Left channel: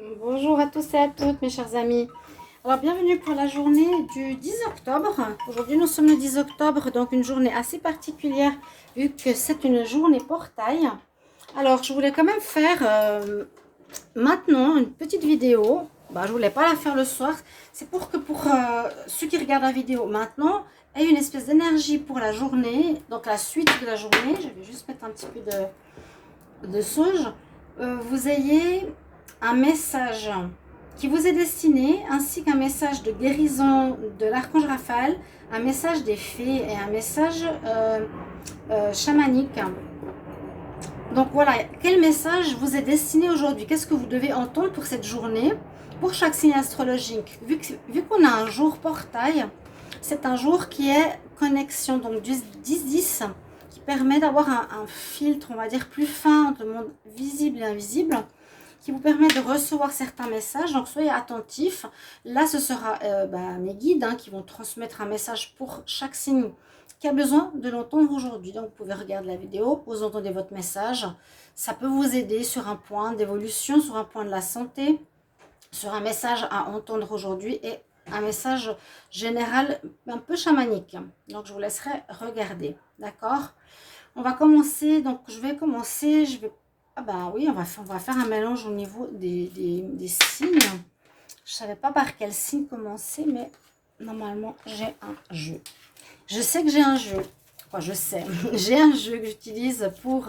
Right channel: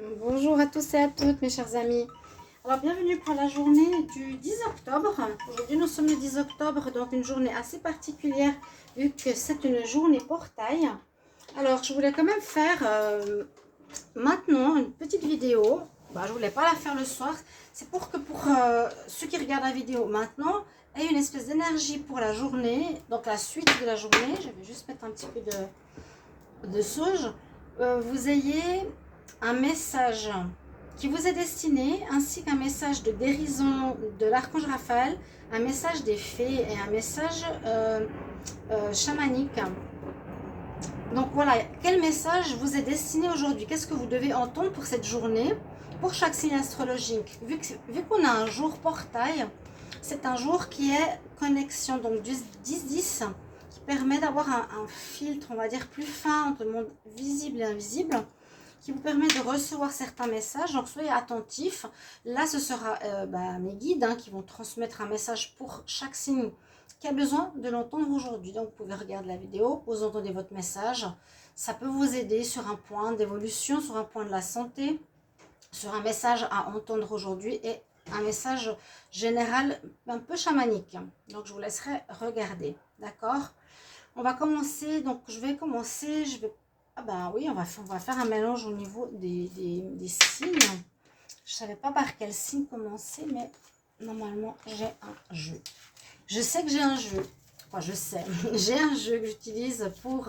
Bonjour à tous et à toutes mes chers amis. Alors bienvenue pour la journée du 10 octobre. Aujourd'hui nous sommes le 10 octobre, donc une journée assez particulière vu que c'est une journée portail. Alors je voulais quand même faire maintenant une petite vidéo. Je voulais pas la faire le soir. C'est pour que ceux qui regardent la vidéo maintenant aient une espèce d'énergie pour la journée. Donc la suite de la journée, je vais juste mettre un petit peu de sauge. Vous ayez un message qui vous est destiné, ainsi qu'un message de guérison de l'archange Raphaël, un message des fées et un message chamanique. Donc voilà, quel message vous est destiné aujourd'hui? Qu'est-ce que vous devez entendre pour cette journée, pour chaque signe astrologique? Vu qu'on a un jour portail, c'est un jour qui est connexion, donc du 10-10, qui permet d'avoir un filtre, on va dire, plus fin entre le monde visible et invisible, qui vous permet de recevoir certains messages. Donc soyez attentifs. Là, ce sera mes guides qui vont transmettre un message pour chaque signe qui a besoin de l'entendre aujourd'hui. Donc vous pouvez regarder la vidéo, vous entendez votre message. Ça peut vous aider sur un point d'évolution, sur un point de la santé, sur un message à entendre aujourd'hui et un message général un peu chamanique. Donc je vous laisserai regarder. D'accord? On va commencer. Donc je vais commencer. Oui, on va faire un mélange au niveau des signes. Je ne savais pas par quel signe commencer, mais normalement j'ai un jeu. Je sais que j'ai un jeu. Enfin, je sais. J'ai un jeu que j'utilise pour,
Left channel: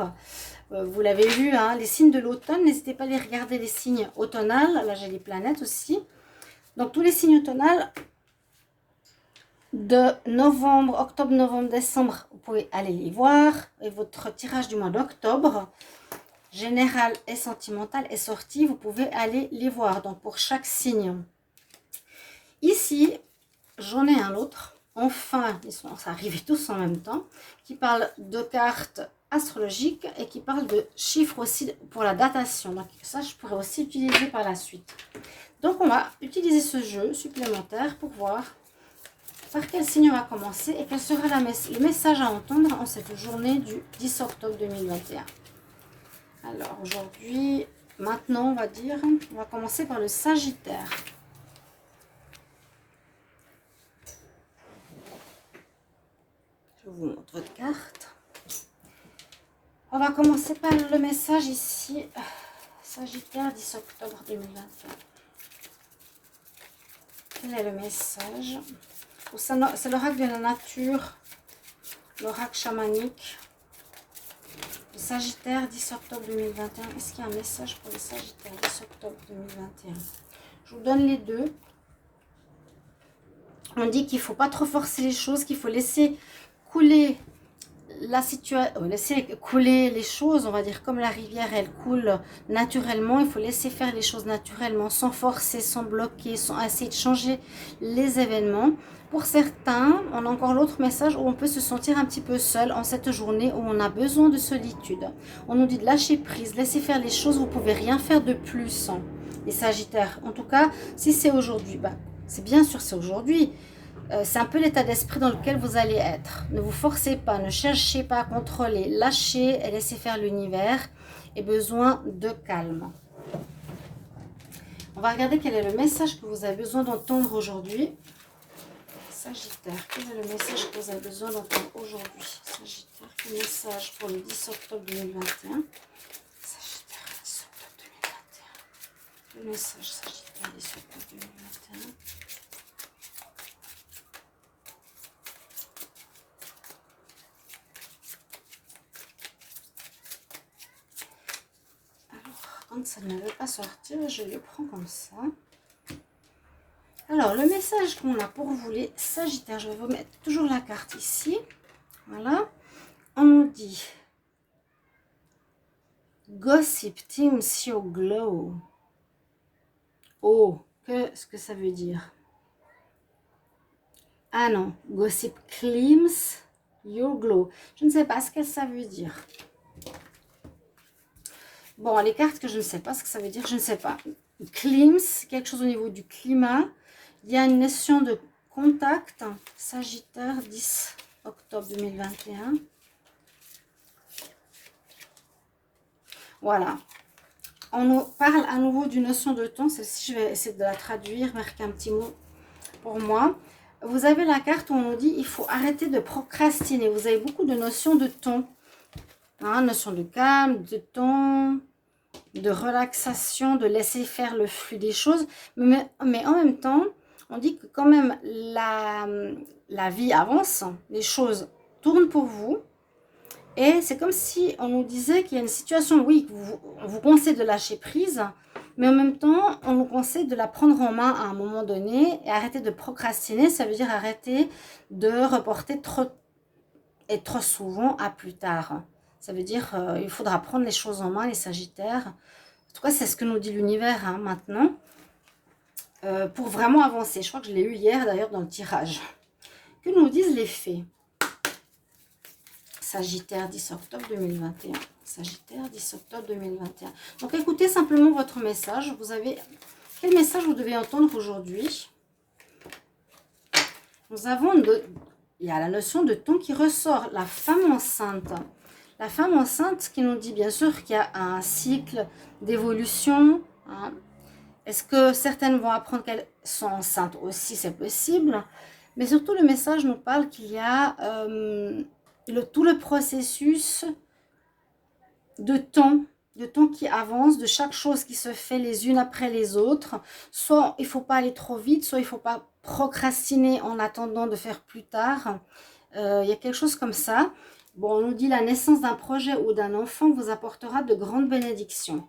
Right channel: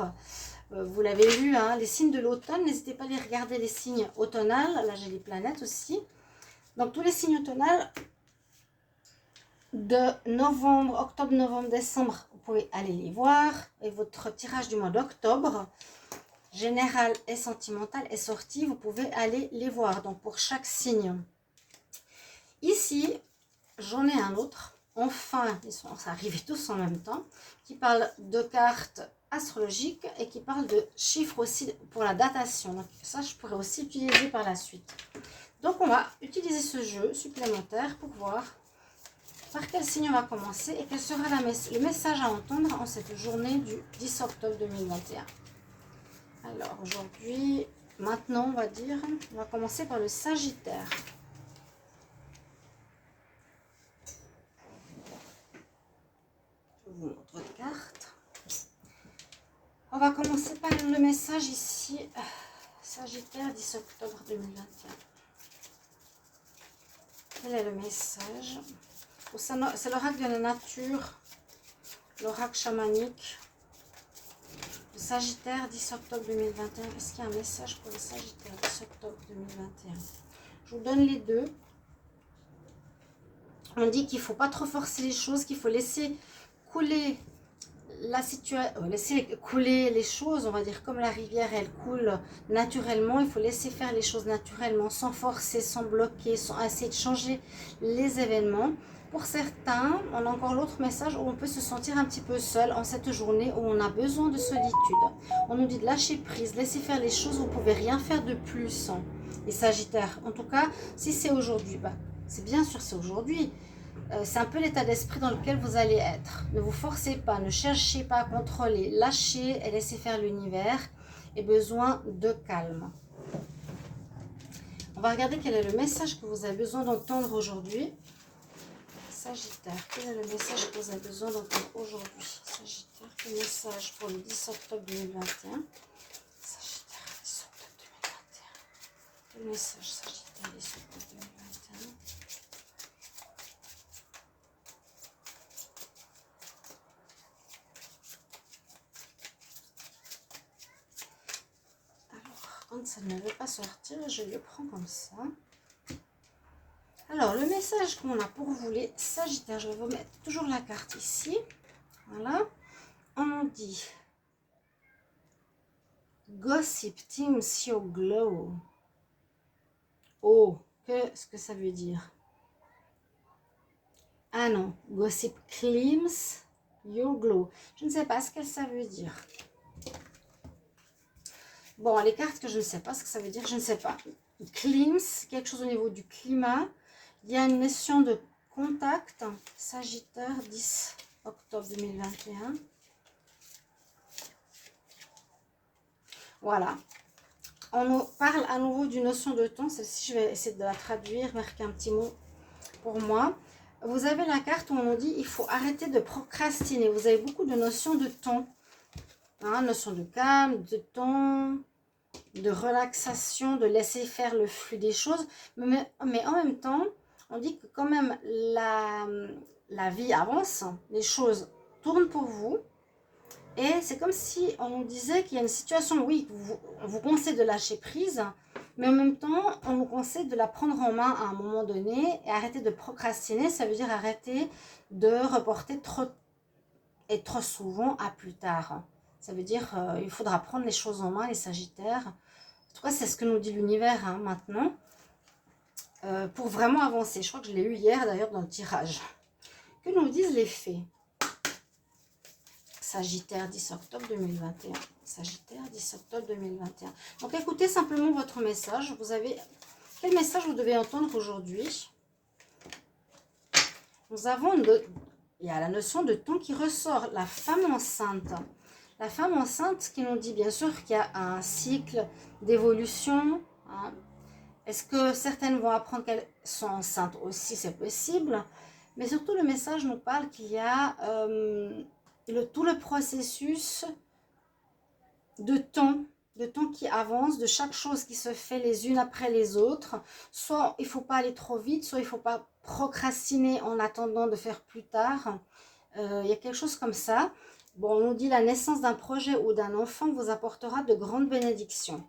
vous l'avez vu, les signes de l'automne. N'hésitez pas à aller regarder les signes automnales. Là, j'ai les planètes aussi. Donc, tous les signes automnales de novembre, octobre, novembre, décembre, vous pouvez aller les voir. Et votre tirage du mois d'octobre, général et sentimental, est sorti. Vous pouvez aller les voir. Donc, pour chaque signe. Ici, j'en ai un autre. Enfin, ils sont arrivés tous en même temps, qui parle de cartes astrologiques et qui parle de chiffres aussi pour la datation. Donc ça, je pourrais aussi utiliser par la suite. Donc on va utiliser ce jeu supplémentaire pour voir par quel signe on va commencer et quel sera le message à entendre en cette journée du 10 octobre 2021. Alors aujourd'hui, maintenant on va commencer par le Sagittaire. Je vous montre votre carte. On va commencer par le message ici. Sagittaire, 10 octobre 2021. Quel est le message? C'est l'oracle de la nature, l'oracle chamanique. Le Sagittaire, 10 octobre 2021. Est-ce qu'il y a un message pour le Sagittaire, 10 octobre 2021? Je vous donne les deux. On dit qu'il ne faut pas trop forcer les choses, qu'il faut laisser couler la situation, laisser couler les choses, on va dire, comme la rivière, elle coule naturellement. Il faut laisser faire les choses naturellement, sans forcer, sans bloquer, sans essayer de changer les événements. Pour certains, on a encore l'autre message où on peut se sentir un petit peu seul en cette journée où on a besoin de solitude. On nous dit de lâcher prise, laisser faire les choses, vous ne pouvez rien faire de plus, les Sagittaires. En tout cas, si c'est aujourd'hui, c'est bien sûr c'est aujourd'hui. C'est un peu l'état d'esprit dans lequel vous allez être. Ne vous forcez pas, ne cherchez pas à contrôler. Lâchez et laissez faire l'univers et besoin de calme. On va regarder quel est le message que vous avez besoin d'entendre aujourd'hui. Sagittaire, quel est le message que vous avez besoin d'entendre aujourd'hui? Sagittaire, quel message pour le 10 octobre 2021? Sagittaire, 10 octobre 2021. Le message Sagittaire, 10 octobre 2021. Quand ça ne veut pas sortir, je le prends comme ça. Alors, le message qu'on a pour vous, les Sagittaires, je vais vous mettre toujours la carte ici. Voilà. On nous dit Gossip Teams Your Glow. Oh, qu'est-ce que ça veut dire? Ah non, Gossip Claims Your Glow. Je ne sais pas ce que ça veut dire. Bon, les cartes que je ne sais pas ce que ça veut dire, je ne sais pas. Clims, quelque chose au niveau du climat. Il y a une notion de contact. Sagittaire, 10 octobre 2021. Voilà. On nous parle à nouveau d'une notion de temps. Celle-ci, je vais essayer de la traduire, marquer un petit mot pour moi. Vous avez la carte où on nous dit il faut arrêter de procrastiner. Vous avez beaucoup de notions de temps. Hein, notion de calme, de temps, de relaxation, de laisser faire le flux des choses. Mais en même temps, on dit que quand même la vie avance, les choses tournent pour vous. Et c'est comme si on nous disait qu'il y a une situation, oui, on vous conseille de lâcher prise, mais en même temps, on vous conseille de la prendre en main à un moment donné et arrêter de procrastiner. Ça veut dire arrêter de reporter trop souvent à plus tard. Ça veut dire il faudra prendre les choses en main, les Sagittaires. En tout cas, c'est ce que nous dit l'univers hein, maintenant, pour vraiment avancer. Je crois que je l'ai eu hier d'ailleurs dans le tirage. Que nous disent les fées? Sagittaire, 10 octobre 2021. Sagittaire, 10 octobre 2021. Donc, écoutez simplement votre message. Vous avez... Quel message vous devez entendre aujourd'hui? Nous avons... Il y a la notion de temps qui ressort. La femme enceinte. La femme enceinte qui nous dit bien sûr qu'il y a un cycle d'évolution. Hein. Est-ce que certaines vont apprendre qu'elles sont enceintes aussi? C'est possible. Mais surtout, le message nous parle qu'il y a... tout le processus de temps qui avance, de chaque chose qui se fait les unes après les autres. Soit il ne faut pas aller trop vite, soit il ne faut pas procrastiner en attendant de faire plus tard. Il y a quelque chose comme ça. Bon, on nous dit la naissance d'un projet ou d'un enfant vous apportera de grandes bénédictions.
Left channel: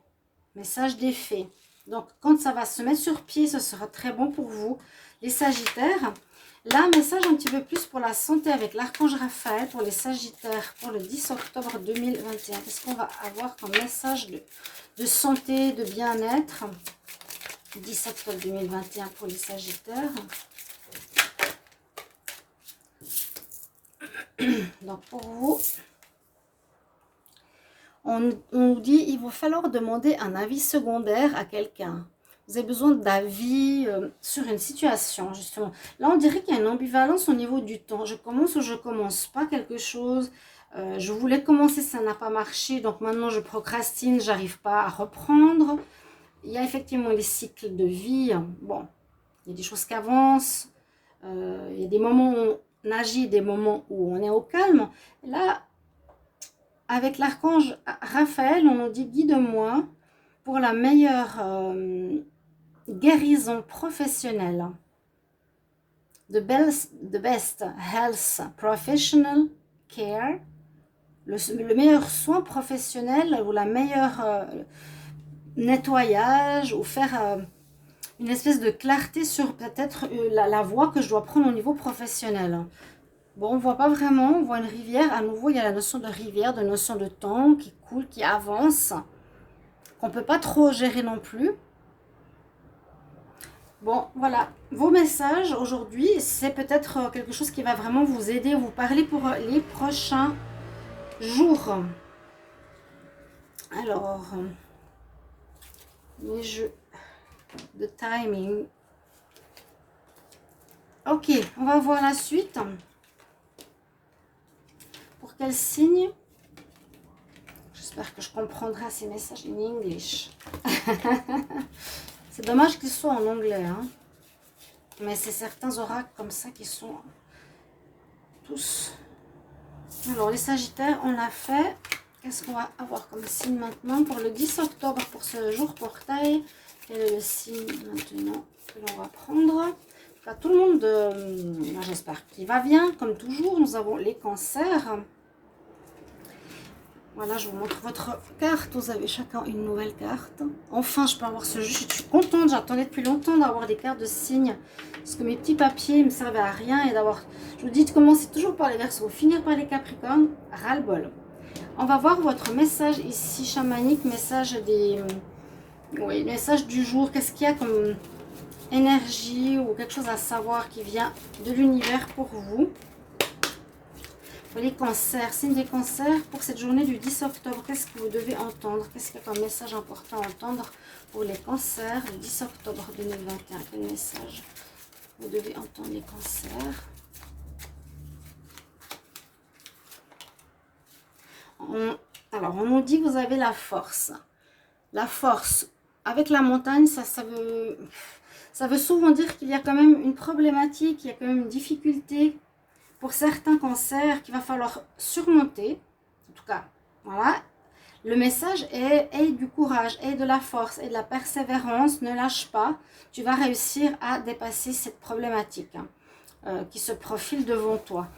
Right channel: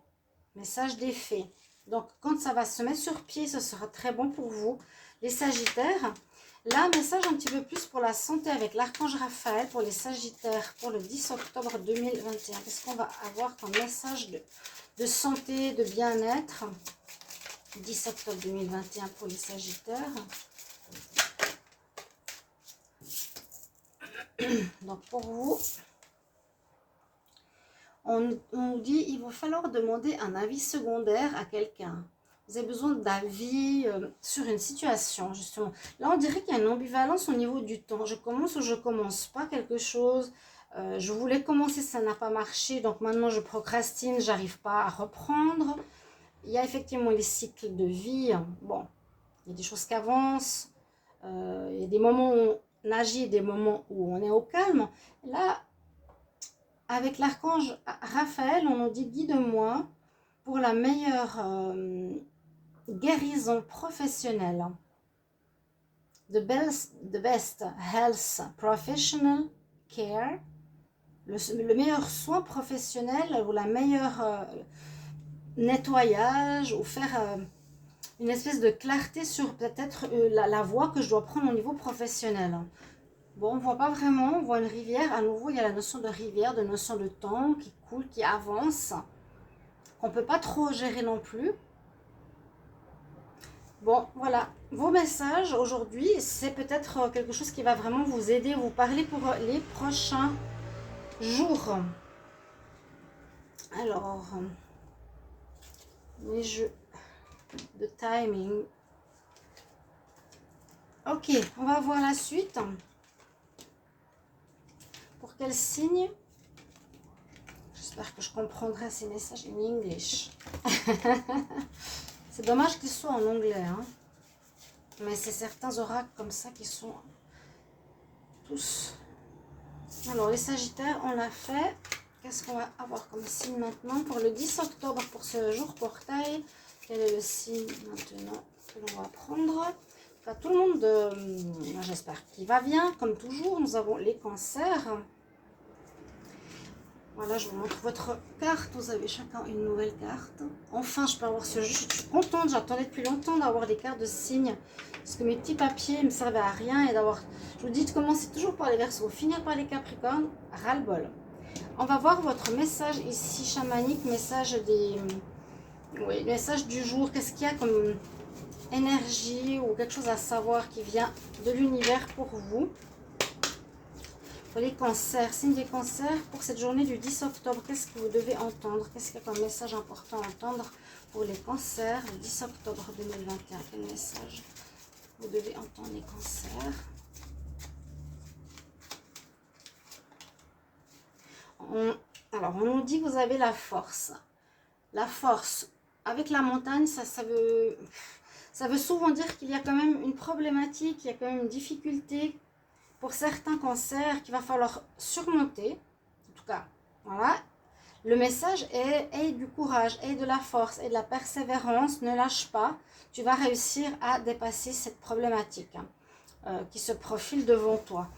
Message des fées. Donc, quand ça va se mettre sur pied, ce sera très bon pour vous, les Sagittaires. Là, un message un petit peu plus pour la santé avec l'archange Raphaël pour les Sagittaires pour le 10 octobre 2021. Qu'est-ce qu'on va avoir comme message de santé, de bien-être? 10 octobre 2021 pour les Sagittaires. Donc, pour vous, on nous dit il va falloir demander un avis secondaire à quelqu'un. Vous avez besoin d'avis sur une situation, justement. Là, on dirait qu'il y a une ambivalence au niveau du temps. Je commence ou je commence pas quelque chose. Je voulais commencer, ça n'a pas marché. Donc maintenant, je procrastine, j'arrive pas à reprendre. Il y a effectivement les cycles de vie. Bon, il y a des choses qui avancent. Il y a des moments où on agit, des moments où on est au calme. Là, avec l'archange Raphaël, on nous dit guide-moi pour la meilleure... guérison professionnelle. The best health professional care. Le meilleur soin professionnel ou la meilleure nettoyage ou faire une espèce de clarté sur peut-être la voie que je dois prendre au niveau professionnel. Bon, on ne voit pas vraiment, on voit une rivière. À nouveau, il y a la notion de rivière, de notion de temps qui coule, qui avance, qu'on ne peut pas trop gérer non plus. Bon, voilà, vos messages aujourd'hui, c'est peut-être quelque chose qui va vraiment vous aider, vous parler pour les prochains jours. Alors, les jeux de timing. Ok, on va voir la suite. Pour quel signe? J'espère que je comprendrai ces messages en English. C'est dommage qu'ils soient en anglais, hein. Mais c'est certains oracles comme ça qui sont tous. Alors, les Sagittaires, on l'a fait. Qu'est-ce qu'on va avoir comme signe maintenant pour le 10 octobre, pour ce jour portail? Quel est le signe maintenant que l'on va prendre? Enfin, tout le monde, j'espère qu'il va bien. Comme toujours, nous avons les cancers. Voilà, je vous montre votre carte. Vous avez chacun une nouvelle carte. Enfin, je peux avoir ce jeu. Je suis contente. J'attendais depuis longtemps d'avoir des cartes de signes. Parce que mes petits papiers ne me servaient à rien. Et d'avoir... Je vous dis de commencer toujours par les Verseaux, finir par les Capricornes. Ras-le-bol. On va voir votre message ici, chamanique. Message des... Oui, message du jour. Qu'est-ce qu'il y a comme énergie ou quelque chose à savoir qui vient de l'univers pour vous? Les cancers, signe des cancers pour cette journée du 10 octobre. Qu'est-ce que vous devez entendre? Qu'est-ce qu'il y a comme message important à entendre pour les cancers le 10 octobre 2021? Quel message vous devez entendre, les cancers? Alors, on nous dit que vous avez la force. la force. Avec la montagne, ça veut souvent dire qu'il y a quand même une problématique, il y a quand même une difficulté pour certains cancers qu'il va falloir surmonter. En tout cas, voilà. Le message est aie du courage, aie de la force, aie de la persévérance, ne lâche pas. Tu vas réussir à dépasser cette problématique qui se profile devant toi.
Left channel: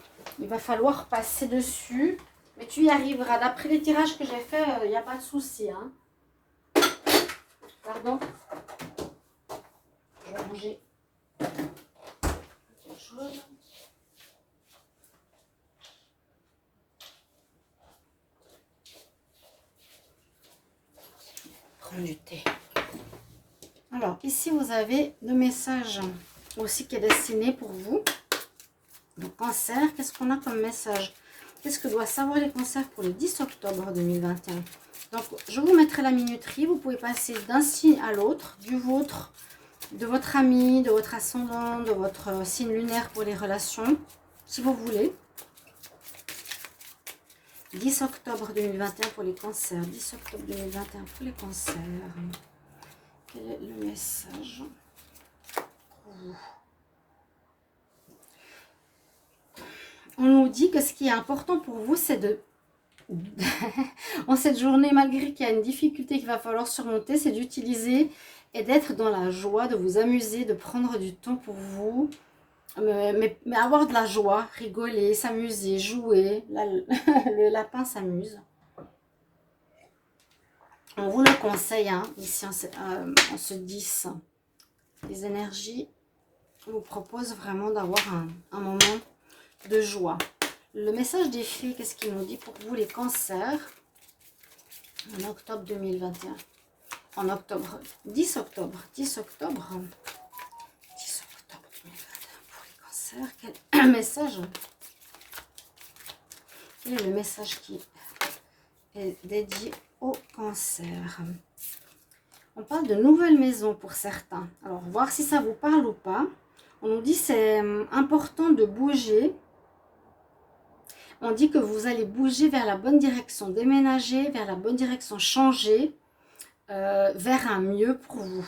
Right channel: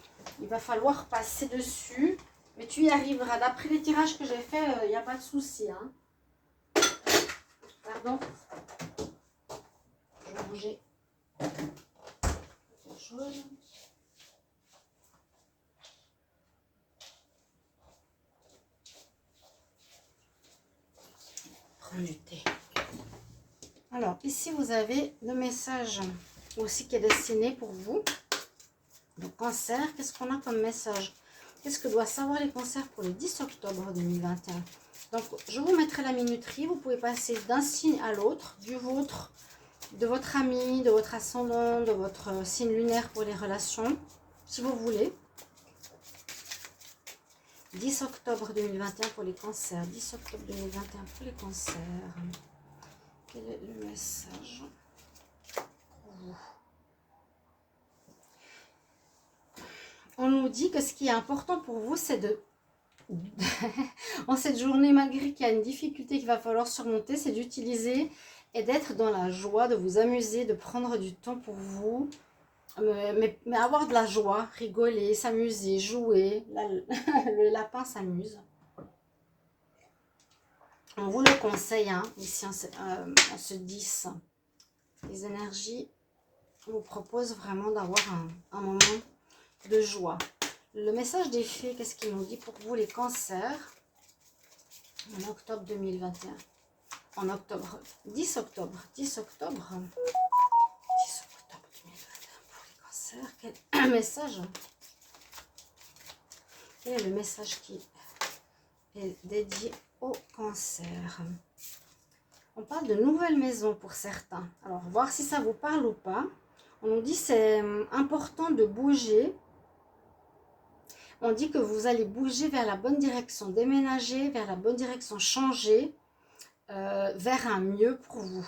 Il va falloir passer dessus, mais tu y arriveras. D'après les tirages que j'ai faits, il n'y a pas de souci. Hein. Pardon. Je vais bouger quelque chose. Prendre du thé. Alors, ici, vous avez le message aussi qui est destiné pour vous. Le cancer, qu'est-ce qu'on a comme message? Qu'est-ce que doivent savoir les cancers pour le 10 octobre 2021? Donc, je vous mettrai la minuterie. Vous pouvez passer d'un signe à l'autre, du vôtre, de votre ami, de votre ascendant, de votre signe lunaire pour les relations, si vous voulez. 10 octobre 2021 pour les cancers. 10 octobre 2021 pour les cancers. Quel est le message pour vous? On nous dit que ce qui est important pour vous, c'est de... en cette journée, malgré qu'il y a une difficulté qu'il va falloir surmonter, c'est d'utiliser et d'être dans la joie, de vous amuser, de prendre du temps pour vous, mais avoir de la joie, rigoler, s'amuser, jouer. Le lapin s'amuse. On vous le conseille, hein, ici, en ce 10. Les énergies vous proposent vraiment d'avoir un moment de joie. Le message des fées, qu'est-ce qu'il nous dit pour vous, les cancers, en octobre 2021? En octobre, 10 octobre 2021 pour les cancers. Quel message? Quel est le message qui est dédié au cancer? On parle de nouvelles maisons pour certains. Alors, voir si ça vous parle ou pas. On nous dit c'est important de bouger. On dit que vous allez bouger vers la bonne direction, déménager vers la bonne direction, changer vers un mieux pour vous.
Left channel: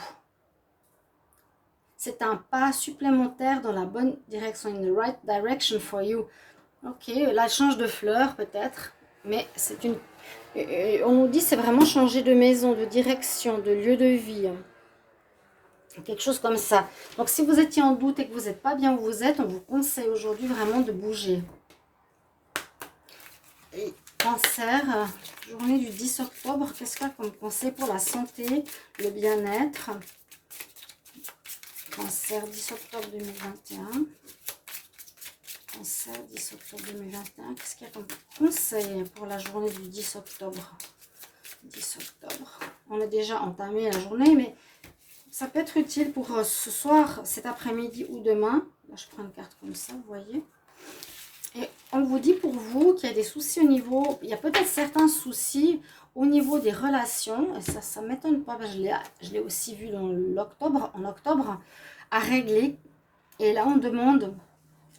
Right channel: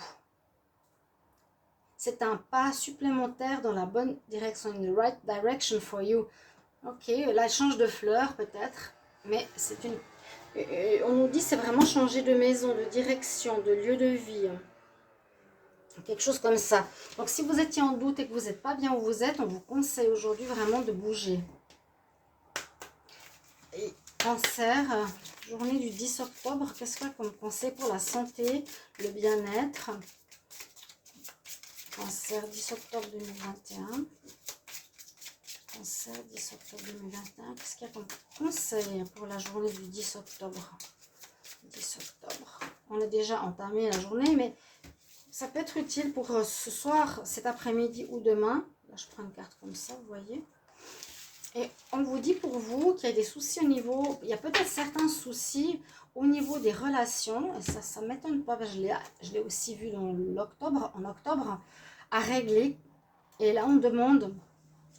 C'est un pas supplémentaire dans la bonne direction, in the right direction for you. Ok, là, change de fleur peut-être, mais c'est une... on nous dit c'est vraiment changer de maison, de direction, de lieu de vie. Quelque chose comme ça. Donc, si vous étiez en doute et que vous n'êtes pas bien où vous êtes, on vous conseille aujourd'hui vraiment de bouger. Et cancer, journée du 10 octobre, qu'est-ce qu'il y a comme conseil pour la santé, le bien-être? Cancer, 10 octobre 2021. Cancer, 10 octobre 2021. Qu'est-ce qu'il y a comme conseil pour la journée du 10 octobre? 10 octobre. On a déjà entamé la journée, mais ça peut être utile pour ce soir, cet après-midi ou demain. Là, je prends une carte comme ça, vous voyez. Et on vous dit pour vous qu'il y a des soucis au niveau... Il y a peut-être certains soucis au niveau des relations. Et ça ne m'étonne pas, parce que je l'ai aussi vu en octobre, à régler. Et là, on demande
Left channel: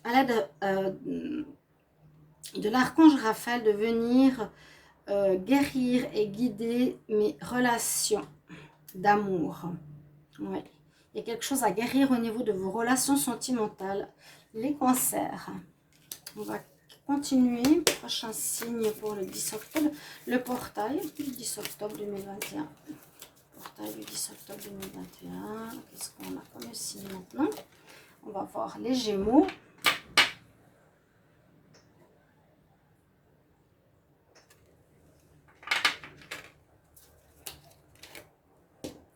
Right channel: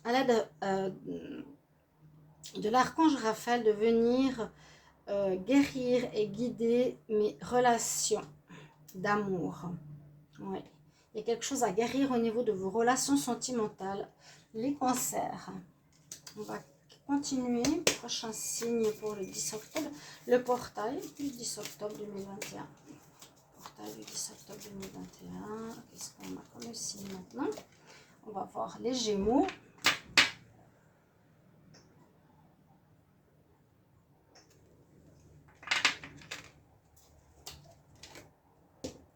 à l'aide de l'archange Raphaël de venir guérir et guider mes relations d'amour. Ouais. Il y a quelque chose à guérir au niveau de vos relations sentimentales, les cancers. On va continuer. Prochain signe pour le 10 octobre. Le portail du 10 octobre 2021. Portail du 10 octobre 2021. Qu'est-ce qu'on a comme signe maintenant? On va voir les Gémeaux.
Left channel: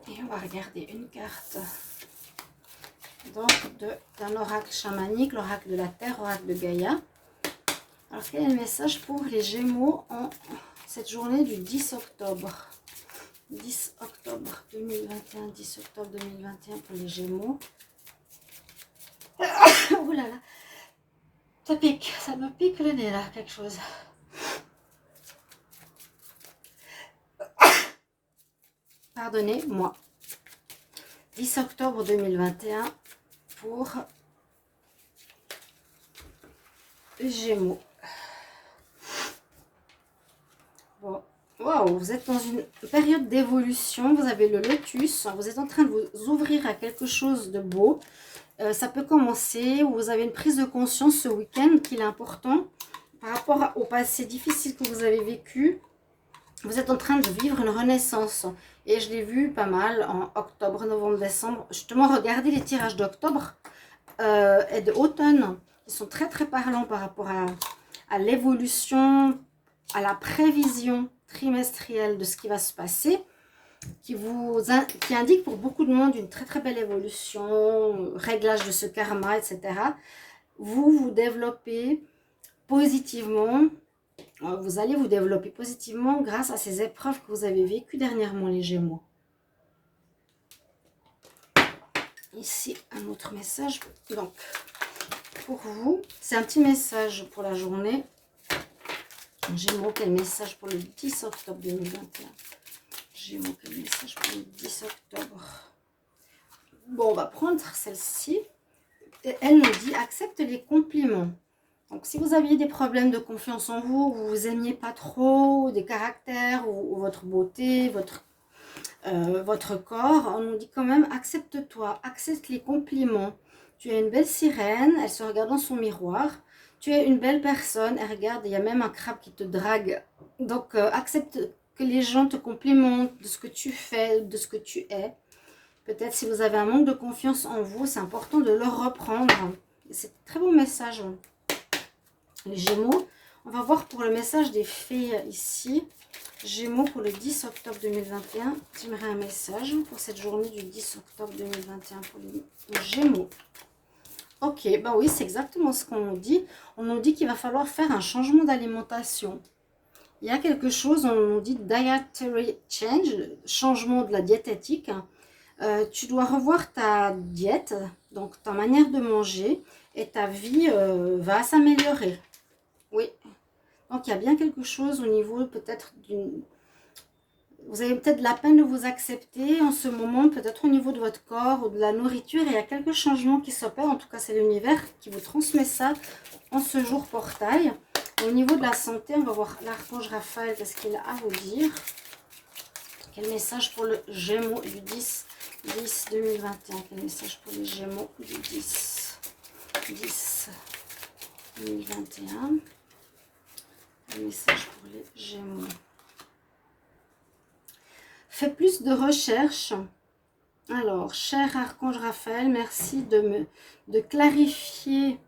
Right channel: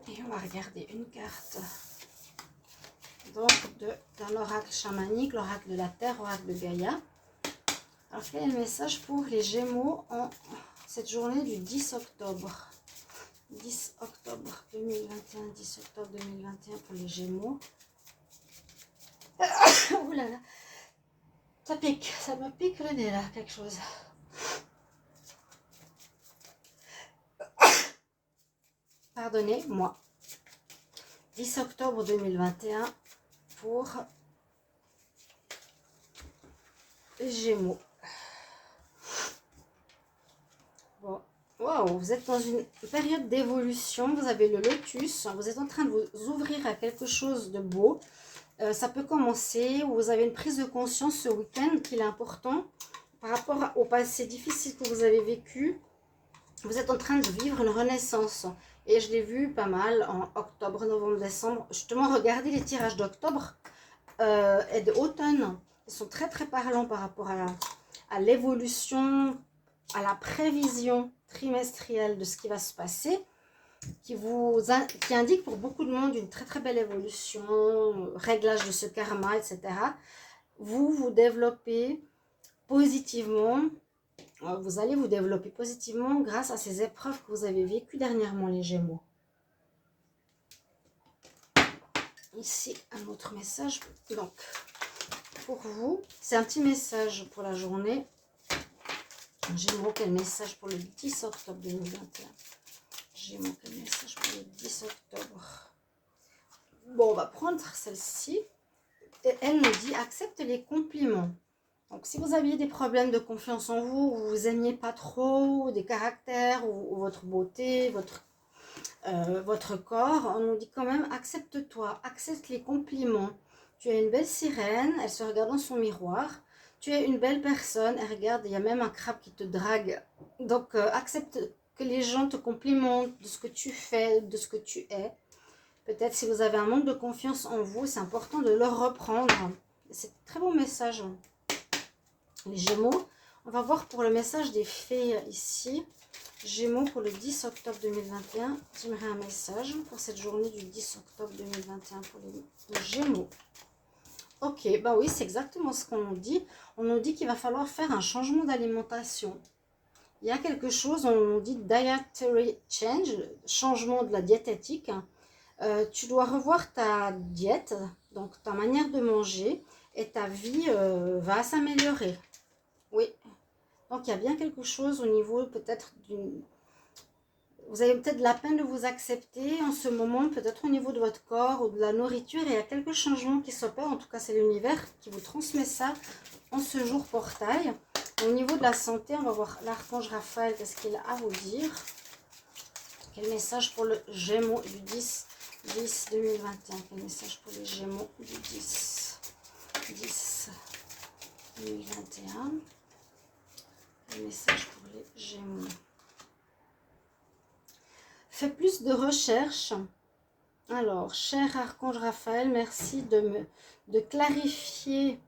Et on va regarder une carte donc d'un oracle chamanique, l'oracle de la Terre, oracle de Gaïa. Alors, quel est le message pour les Gémeaux en cette journée du 10 octobre? 10 octobre 2021, 10 octobre 2021 pour les Gémeaux. Ouh là là, ça pique, ça me pique le nez là, quelque chose. Pardonnez-moi. 10 octobre 2021 pour les Gémeaux. Bon, Waouh, vous êtes dans une période d'évolution, vous avez le lotus, vous êtes en train de vous ouvrir à quelque chose de beau. Ça peut commencer, où vous avez une prise de conscience ce week-end qu'il est important par rapport au passé difficile que vous avez vécu. Vous êtes en train de vivre une renaissance. Et je l'ai vu pas mal en octobre, novembre, décembre. Justement, regardez les tirages d'octobre et d'automne. Ils sont très très parlants par rapport à l'évolution, à la prévision trimestrielle de ce qui va se passer, qui indique pour beaucoup de monde une très très belle évolution, réglage de ce karma, etc. Vous développez positivement, vous allez vous développer positivement grâce à ces épreuves que vous avez vécues dernièrement, les Gémeaux. Ici, un autre message. Donc, pour vous, c'est un petit message pour la journée. Gémeaux, quel message pour le 10 octobre 2021? Gémeaux, quel message pour le 10 octobre? Bon, on va prendre celle-ci. Et elle nous dit, accepte les compliments. Donc, si vous aviez des problèmes de confiance en vous, vous vous aimiez pas trop, des caractères, ou votre beauté, votre corps, on nous dit quand même, accepte-toi, accepte les compliments. Tu es une belle sirène, elle se regarde dans son miroir. Tu es une belle personne, elle regarde, il y a même un crabe qui te drague. Donc, accepte que les gens te complimentent de ce que tu fais, de ce que tu es. Peut-être si vous avez un manque de confiance en vous, c'est important de le reprendre. C'est un très bon message. Les Gémeaux, on va voir pour le message des fées ici. Gémeaux pour le 10 octobre 2021. J'aimerais un message pour cette journée du 10 octobre 2021 pour les Gémeaux. Ok, bah oui, c'est exactement ce qu'on nous dit. On nous dit qu'il va falloir faire un changement d'alimentation. Il y a quelque chose, on nous dit dietary change, changement de la diététique. Tu dois revoir ta diète, donc ta manière de manger, et ta vie va s'améliorer. Oui, donc il y a bien quelque chose au niveau peut-être d'une... Vous avez peut-être la peine de vous accepter en ce moment, peut-être au niveau de votre corps ou de la nourriture. Il y a quelques changements qui s'opèrent, en tout cas c'est l'univers qui vous transmet ça en ce jour portail. Et au niveau de la santé, on va voir l'archange Raphaël, qu'est-ce qu'il a à vous dire. Quel message pour le Gémeaux du 10 2021. Quel message pour les Gémeaux du 10 2021. Quel message pour les Gémeaux. Fais plus de recherches. Alors, cher archange Raphaël, merci de clarifier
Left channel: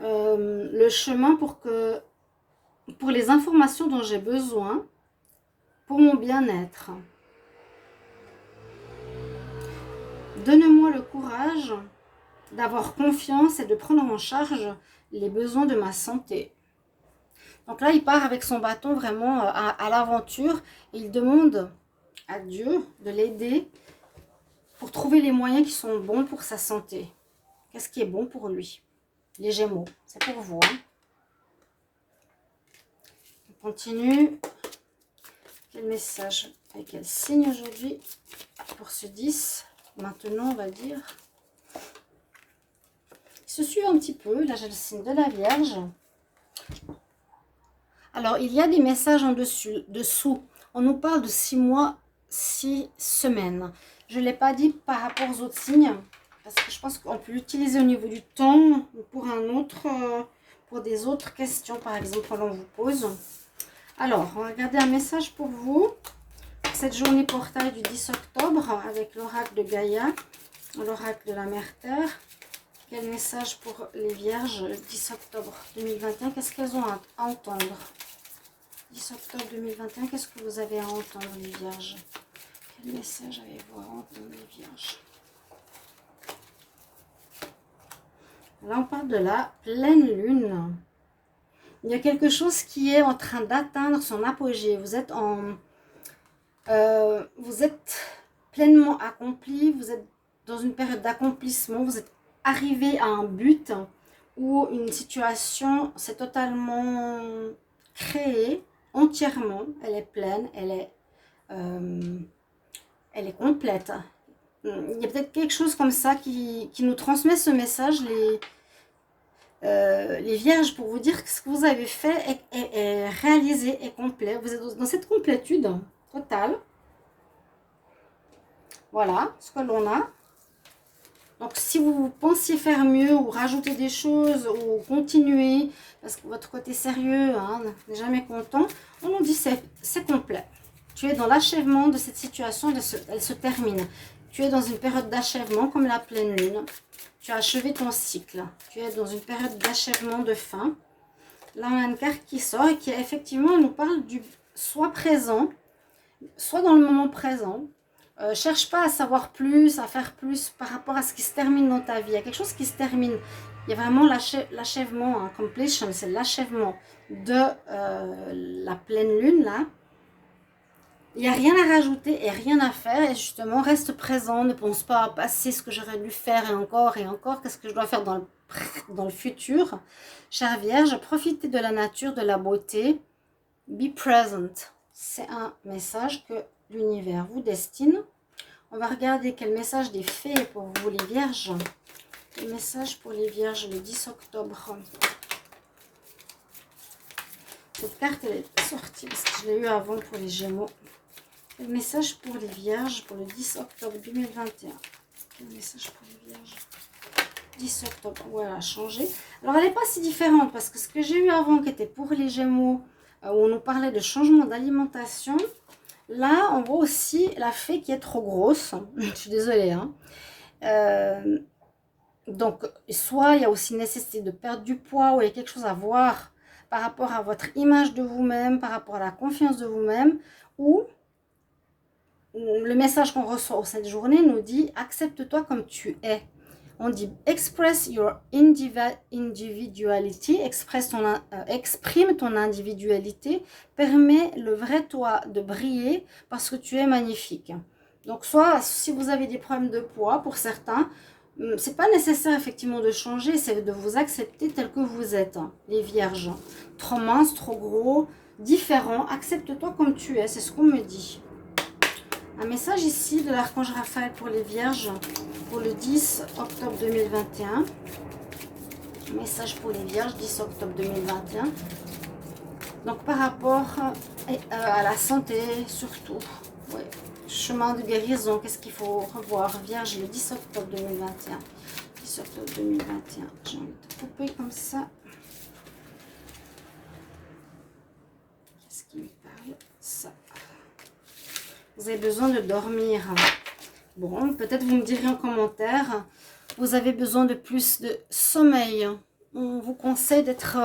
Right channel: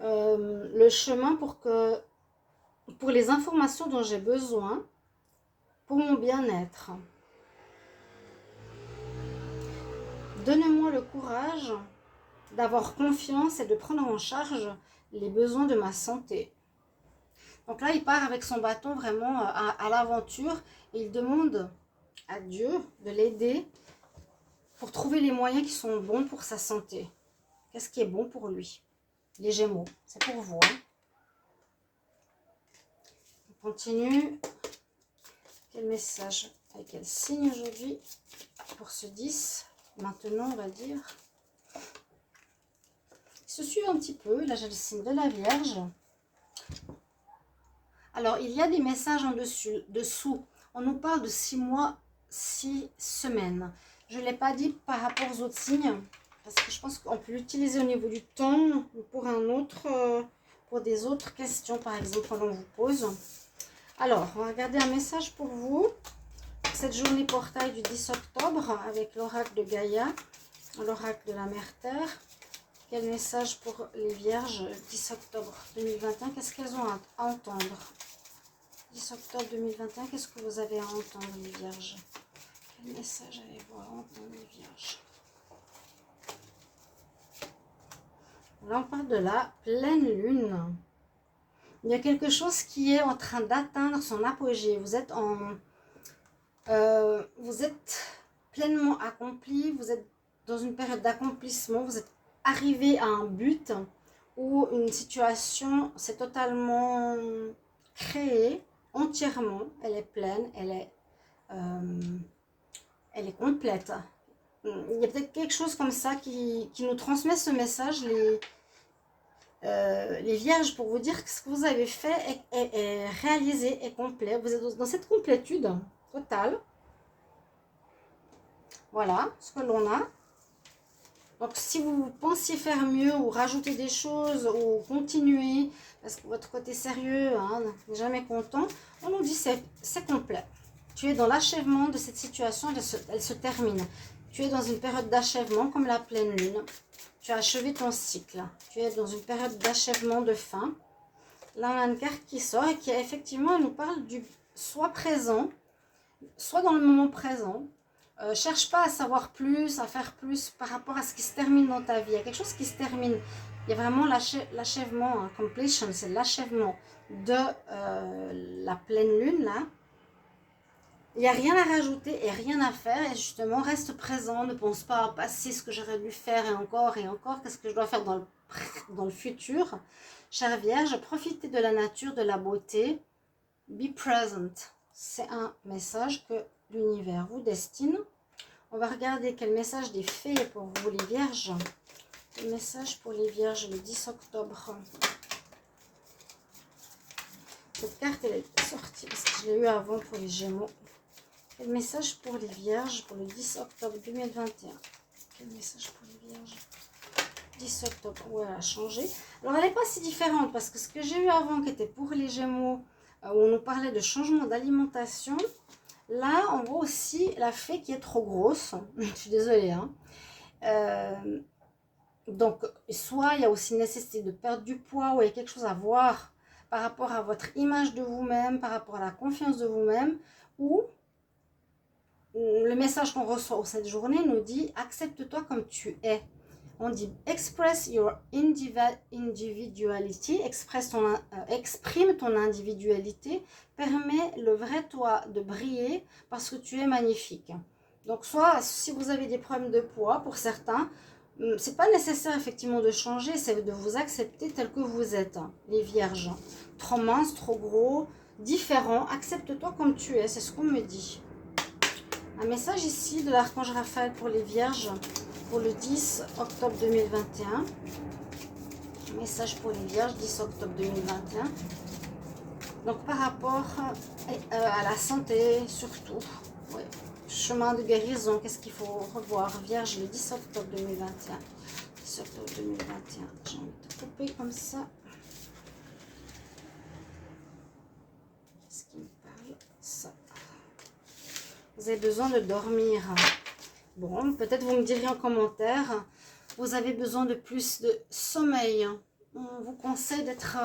le chemin pour les informations dont j'ai besoin pour mon bien-être. Donne-moi le courage d'avoir confiance et de prendre en charge les besoins de ma santé. Donc là, il part avec son bâton vraiment à l'aventure et il demande à Dieu de l'aider pour trouver les moyens qui sont bons pour sa santé. Qu'est-ce qui est bon pour lui? Les Gémeaux, c'est pour vous. Hein. On continue. Quel message et quel signe aujourd'hui pour ce 10? Maintenant, on va dire. Il se suit un petit peu. Là, j'ai le signe de la Vierge. Alors, il y a des messages en dessous. On nous parle de 6 mois, 6 semaines. Je ne l'ai pas dit par rapport aux autres signes, parce que je pense qu'on peut l'utiliser au niveau du temps pour pour des autres questions, par exemple, que l'on vous pose. Alors, on va regarder un message pour vous. Cette journée portail du 10 octobre avec l'oracle de Gaïa, l'oracle de la Mère Terre. Quel message pour les Vierges le 10 octobre 2021? Qu'est-ce qu'elles ont à entendre? 10 octobre 2021, qu'est-ce que vous avez à entendre, les Vierges? Quel message avez-vous à entendre, les Vierges? Là, on parle de la pleine lune. Il y a quelque chose qui est en train d'atteindre son apogée. Vous êtes pleinement accompli. Vous êtes dans une période d'accomplissement. Vous êtes arrivé à un but où une situation s'est totalement créée entièrement. Elle est pleine. Elle est complète. Il y a peut-être quelque chose comme ça qui nous transmet ce message. les vierges, pour vous dire que ce que vous avez fait est réalisé, est complet. Vous êtes dans cette complétude totale. Voilà ce que l'on a. Donc, si vous pensiez faire mieux ou rajouter des choses ou continuer, parce que votre côté sérieux hein, n'est jamais content, on nous dit c'est complet. Tu es dans l'achèvement de cette situation, elle se termine. Tu es dans une période d'achèvement comme la pleine lune. Tu as achevé ton cycle. Tu es dans une période d'achèvement de fin. Là, on a une carte qui sort et qui effectivement nous parle du soit présent, soit dans le moment présent. Cherche pas à savoir plus, à faire plus par rapport à ce qui se termine dans ta vie. Il y a quelque chose qui se termine. Il y a vraiment l'achèvement, hein, completion, c'est l'achèvement de la pleine lune là. Il n'y a rien à rajouter et rien à faire. Et justement, reste présent. Ne pense pas à passer ce que j'aurais dû faire et encore. Qu'est-ce que je dois faire dans le futur. Chère Vierge, profitez de la nature, de la beauté. Be present. C'est un message que l'univers vous destine. On va regarder quel message des fées pour vous les vierges. Le message pour les vierges le 10 octobre. Cette carte elle est sortie parce que je l'ai eu avant pour les gémeaux. Quel message pour les vierges pour le 10 octobre 2021. Quel message pour les vierges 10 octobre. Ouais, elle a changé. Alors elle n'est pas si différente parce que ce que j'ai eu avant qui était pour les gémeaux, où on nous parlait de changement d'alimentation. Là, on voit aussi la fée qui est trop grosse. Je suis désolée. Hein. Donc, soit il y a aussi nécessité de perdre du poids, ou il y a quelque chose à voir par rapport à votre image de vous-même, par rapport à la confiance de vous-même, ou le message qu'on reçoit cette journée nous dit « Accepte-toi comme tu es ». On dit « Express your individuality », exprime ton individualité, permet le vrai toi de briller parce que tu es magnifique. Donc, soit si vous avez des problèmes de poids, pour certains, c'est pas nécessaire effectivement de changer, c'est de vous accepter tel que vous êtes, hein, les vierges. Trop mince, trop gros, différent, accepte-toi comme tu es, c'est ce qu'on me dit. Un message ici de l'archange Raphaël pour les vierges pour le 10 octobre 2021. Un message pour les vierges 10 octobre 2021. Donc par rapport à la santé surtout. Ouais. Chemin de guérison, qu'est-ce qu'il faut revoir? Vierge le 10 octobre 2021. 10 octobre 2021. J'ai envie de couper comme ça. Qu'est-ce qui me parle? Ça. Vous avez besoin de dormir. Bon, peut-être vous me direz en commentaire, vous avez besoin de plus de sommeil. On vous conseille d'être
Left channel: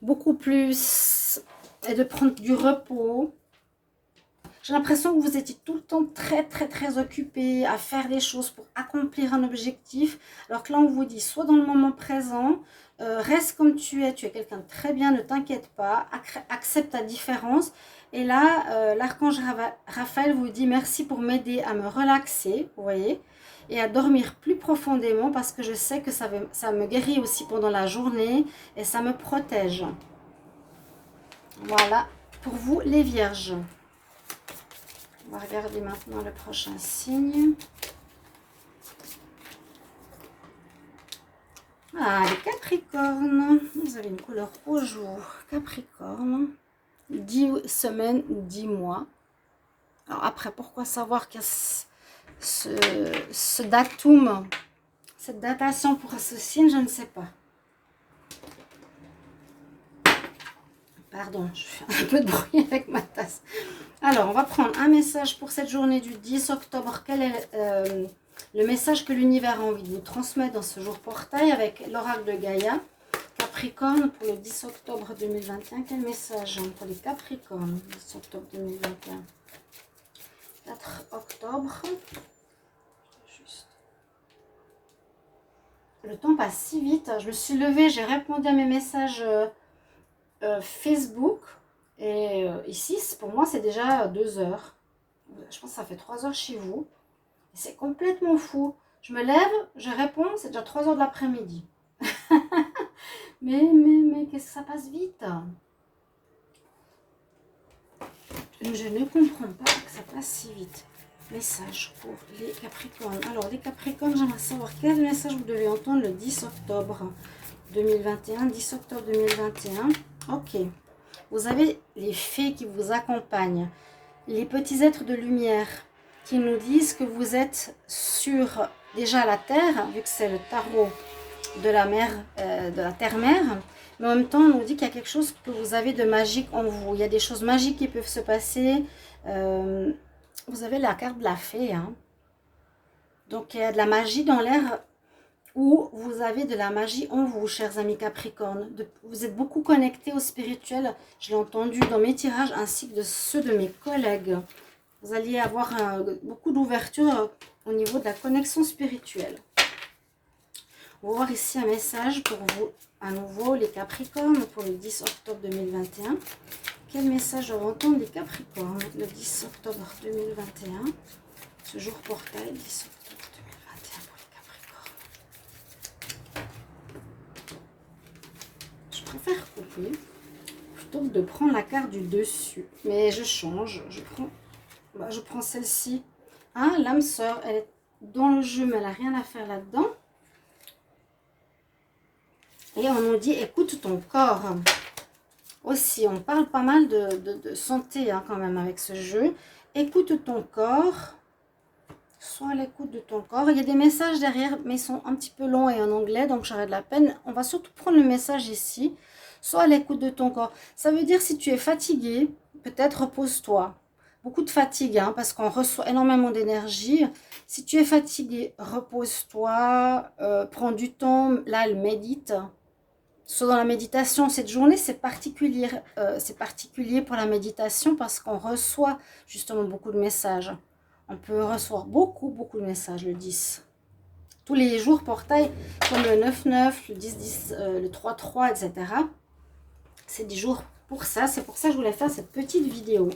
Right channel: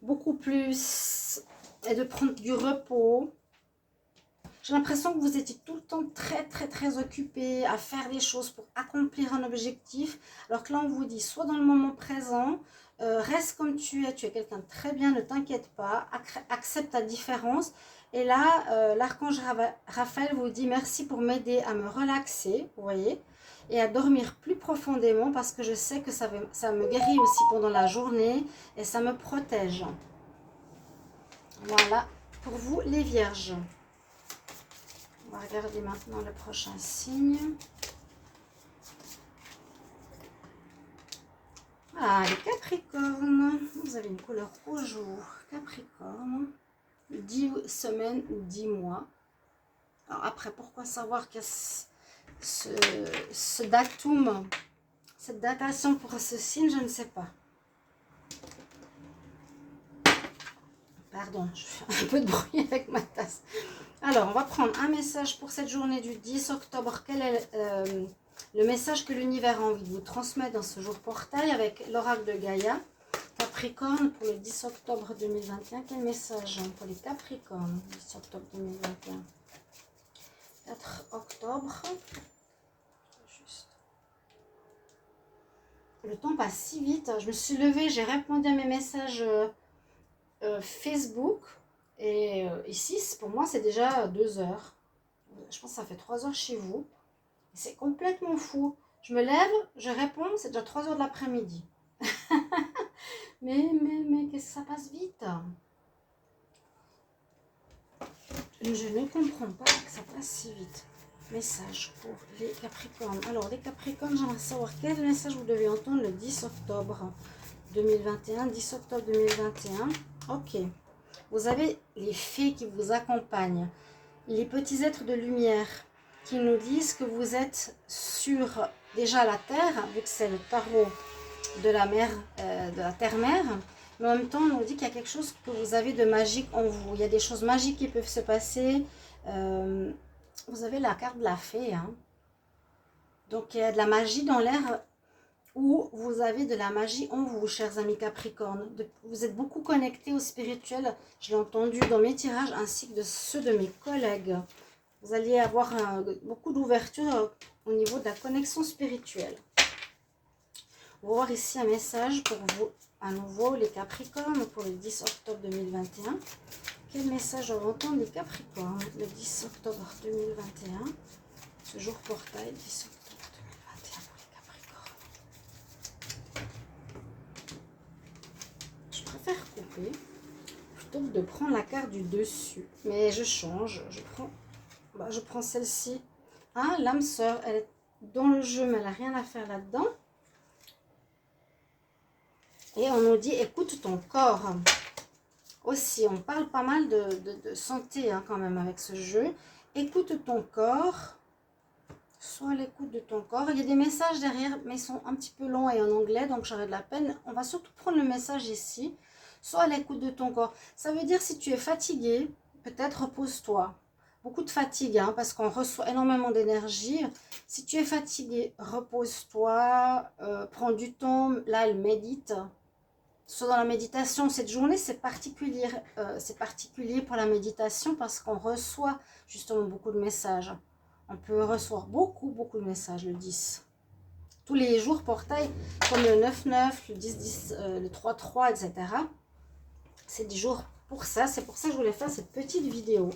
beaucoup plus et de prendre du repos. J'ai l'impression que vous étiez tout le temps très occupé à faire des choses pour accomplir un objectif. Alors que là, on vous dit, soit dans le moment présent, reste comme tu es quelqu'un de très bien, ne t'inquiète pas, accepte ta différence. Et là, l'archange Raphaël vous dit merci pour m'aider à me relaxer, vous voyez, et à dormir plus profondément parce que je sais que ça me guérit aussi pendant la journée et ça me protège. Voilà, pour vous les vierges. On va regarder maintenant le prochain signe. Ah, les Capricornes. Vous avez une couleur au jour. Capricorne. 10 semaines ou 10 mois. Alors après, pourquoi savoir qu'il y a ce datum, cette datation pour ce signe, je ne sais pas. Pardon, je fais un peu de bruit avec ma tasse. Alors, on va prendre un message pour cette journée du 10 octobre. Quel est le message que l'univers a envie de vous transmettre dans ce jour portail avec l'oracle de Gaïa? Capricorne pour le 10 octobre 2021. Quel message pour les Capricornes 10 octobre 2021. 4 octobre. Juste. Le temps passe si vite. Je me suis levée, j'ai répondu à mes messages Facebook. Et ici, pour moi, c'est déjà 2 heures. Je pense que ça fait 3 heures chez vous. C'est complètement fou. Je me lève, je réponds, c'est déjà 3 heures de l'après-midi. mais qu'est-ce que ça passe vite? Je ne comprends pas que ça passe si vite. Message pour les Capricornes. Alors, les Capricornes, j'aimerais savoir quel message vous devez entendre le 10 octobre 2021, 10 octobre 2021. Ok. Vous avez les fées qui vous accompagnent, les petits êtres de lumière qui nous disent que vous êtes sur déjà la terre, vu que c'est le tarot de la mer, de la terre-mère, mais en même temps on nous dit qu'il y a quelque chose que vous avez de magique en vous. Il y a des choses magiques qui peuvent se passer. Vous avez la carte de la fée, hein. Donc il y a de la magie dans l'air, ou vous avez de la magie en vous, chers amis Capricorne. Vous êtes beaucoup connectés au spirituel, je l'ai entendu dans mes tirages ainsi que de ceux de mes collègues. Vous alliez avoir beaucoup d'ouverture au niveau de la connexion spirituelle. On va voir ici un message pour vous, à nouveau, les Capricornes, pour le 10 octobre 2021. Quel message doivent entendre les Capricornes le 10 octobre 2021? Ce jour portail, 10 octobre 2021 pour les Capricornes. Je préfère couper plutôt que de prendre la carte du dessus. Mais je change, je prends celle-ci. Ah, l'âme sœur, elle est dans le jeu, mais elle n'a rien à faire là-dedans. Et on nous dit, écoute ton corps. Aussi, on parle pas mal de santé hein, quand même avec ce jeu. Écoute ton corps. Sois à l'écoute de ton corps. Il y a des messages derrière, mais ils sont un petit peu longs et en anglais, donc j'aurais de la peine. On va surtout prendre le message ici. Sois à l'écoute de ton corps. Ça veut dire si tu es fatigué, peut-être repose-toi. Beaucoup de fatigue, hein, parce qu'on reçoit énormément d'énergie. Si tu es fatigué, repose-toi. Prends du temps. Là, elle médite. Soit dans la méditation, cette journée, c'est particulier pour la méditation parce qu'on reçoit justement beaucoup de messages. On peut recevoir beaucoup de messages le 10. Tous les jours portail, comme le 9-9, le 10-10, le 3-3, etc. C'est des jours pour ça. C'est pour ça que je voulais faire cette petite vidéo.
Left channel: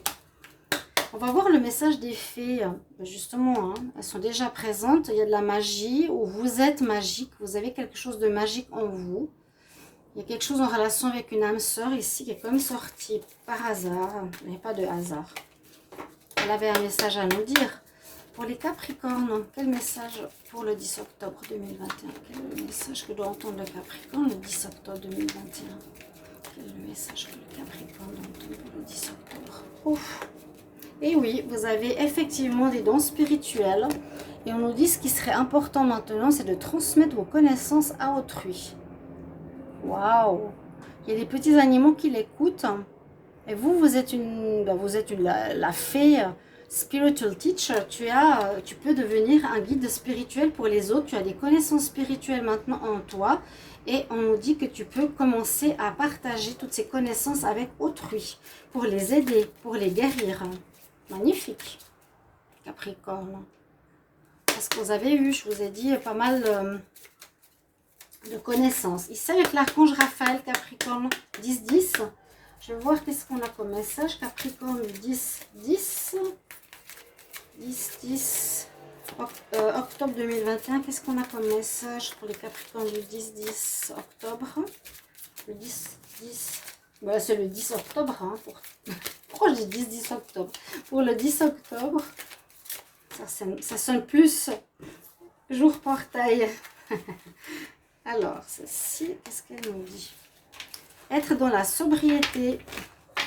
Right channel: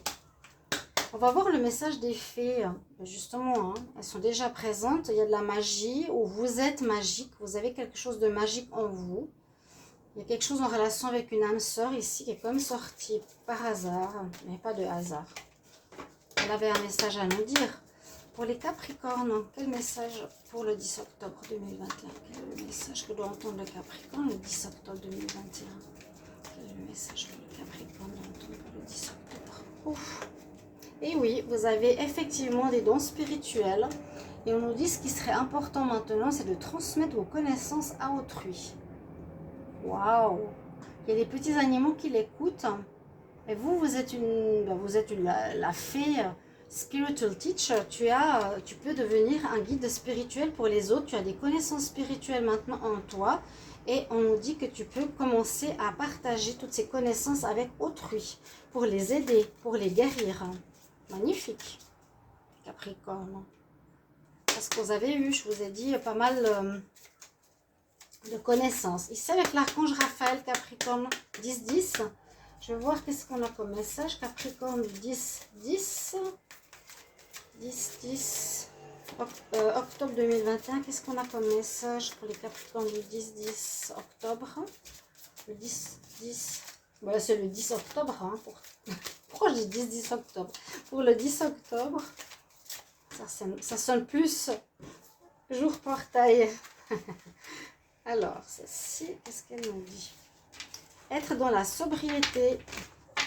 On va voir le message des fées. Justement, hein, elles sont déjà présentes. Il y a de la magie, ou vous êtes magique. Vous avez quelque chose de magique en vous. Il y a quelque chose en relation avec une âme sœur ici qui est comme sortie par hasard, mais pas de hasard. Elle avait un message à nous dire. Pour les Capricornes, quel message pour le 10 octobre 2021? Quel est le message que doit entendre le Capricorne le 10 octobre 2021? Quel est le message que le Capricorne doit entendre pour le 10 octobre? Ouf. Et oui, vous avez effectivement des dons spirituels. Et on nous dit ce qui serait important maintenant, c'est de transmettre vos connaissances à autrui. Waouh! Il y a des petits animaux qui l'écoutent. Et vous êtes la fée spiritual teacher. Tu peux devenir un guide spirituel pour les autres. Tu as des connaissances spirituelles maintenant en toi. Et on nous dit que tu peux commencer à partager toutes ces connaissances avec autrui. Pour les aider, pour les guérir. Magnifique, Capricorne. Parce que vous avez eu, je vous ai dit, pas mal... de connaissances. Ici avec l'archange Raphaël, Capricorne 10-10. Je vais voir qu'est-ce qu'on a comme message. Capricorne 10-10. 10-10. Octobre 2021. Qu'est-ce qu'on a comme message pour les Capricornes du 10-10 octobre? Le 10-10. Voilà, c'est le 10 octobre. Hein, pourquoi je dis 10-10 octobre? Pour le 10 octobre. Ça sonne plus jour portail. Alors, celle-ci, qu'est-ce qu'elle nous dit? Être dans la sobriété,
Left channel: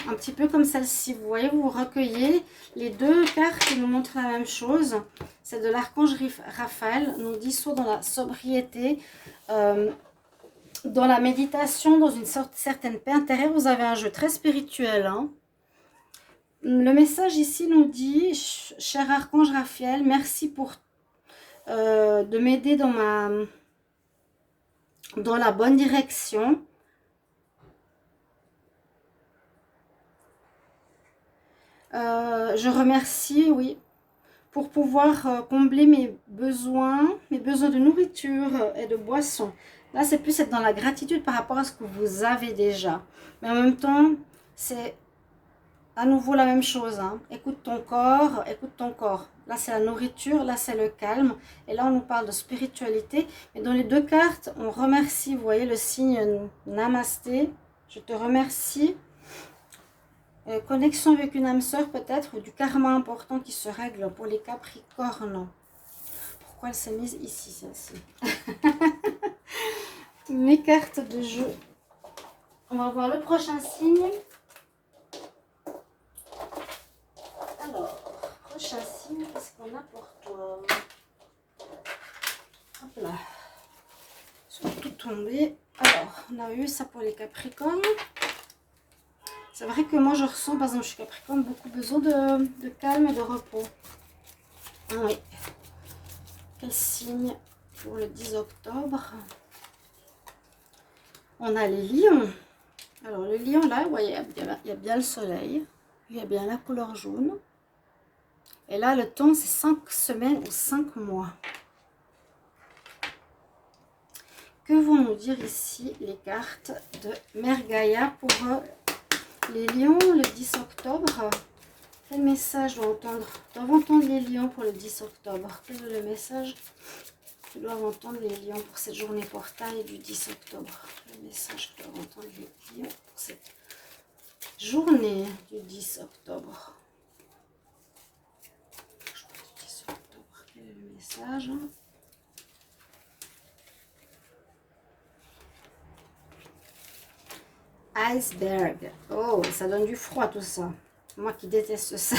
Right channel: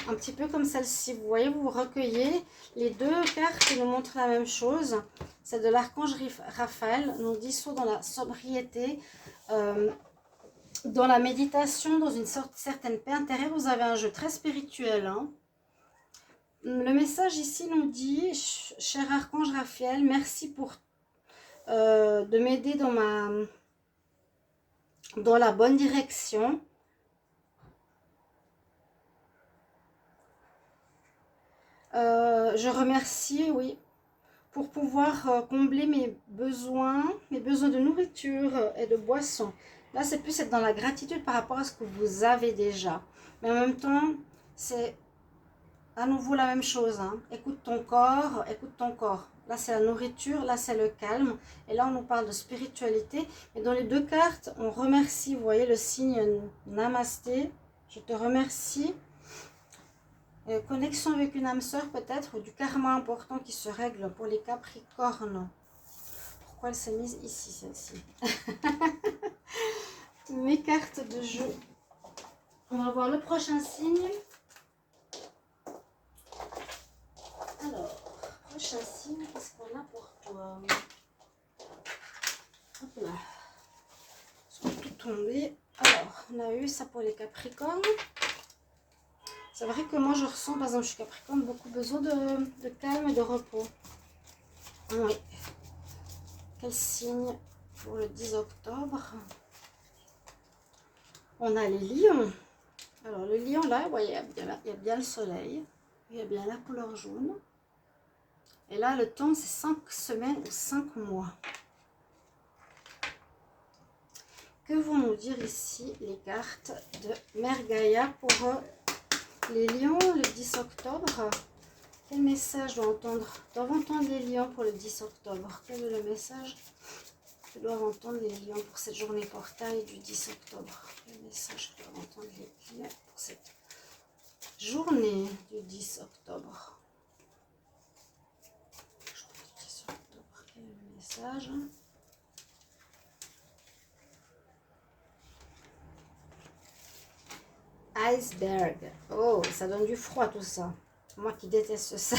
un petit peu comme celle-ci. Vous voyez, vous recueillez les deux cartes qui nous montrent la même chose. Celle de l'archange Raphaël nous dit soit dans la sobriété, dans la méditation, dans une certaine paix intérieure. Vous avez un jeu très spirituel. Hein. Le message ici nous dit, cher archange Raphaël, merci pour de m'aider dans la bonne direction. Je remercie, oui, pour pouvoir combler mes besoins de nourriture et de boisson. Là, c'est plus être dans la gratitude par rapport à ce que vous avez déjà. Mais en même temps, c'est à nouveau la même chose. Hein. Écoute ton corps, écoute ton corps. Là, c'est la nourriture, là, c'est le calme. Et là, on nous parle de spiritualité. Et dans les deux cartes, on remercie, vous voyez, le signe Namasté. Je te remercie. Connexion avec une âme sœur, peut-être, ou du karma important qui se règle pour les Capricornes. Pourquoi elle s'est mise ici, celle-ci? mes cartes de jeu. On va voir le prochain signe. Alors, prochain signe, qu'est-ce qu'on a pour toi? Hop là. Ils sont tout tombés. Alors, on a eu ça pour les Capricornes. C'est vrai que moi, je ressens, par exemple, je suis Capricorne, beaucoup besoin de calme et de repos. Oui. Quel signe pour le 10 octobre? On a les lions. Alors, le lion, là, vous voyez, il y a bien le soleil. Il y a bien la couleur jaune. Et là, le temps, c'est 5 semaines ou 5 mois. Que vont nous dire ici les cartes de Mère Gaïa pour les lions le 10 octobre? Quel message doivent entendre les lions pour le 10 octobre? Quel est le message que doivent entendre les lions pour cette journée portail du 10 octobre? Le message que doivent entendre les lions pour cette journée du 10 octobre. Quel est le message? Iceberg. Oh, ça donne du froid tout ça. Moi qui déteste ça.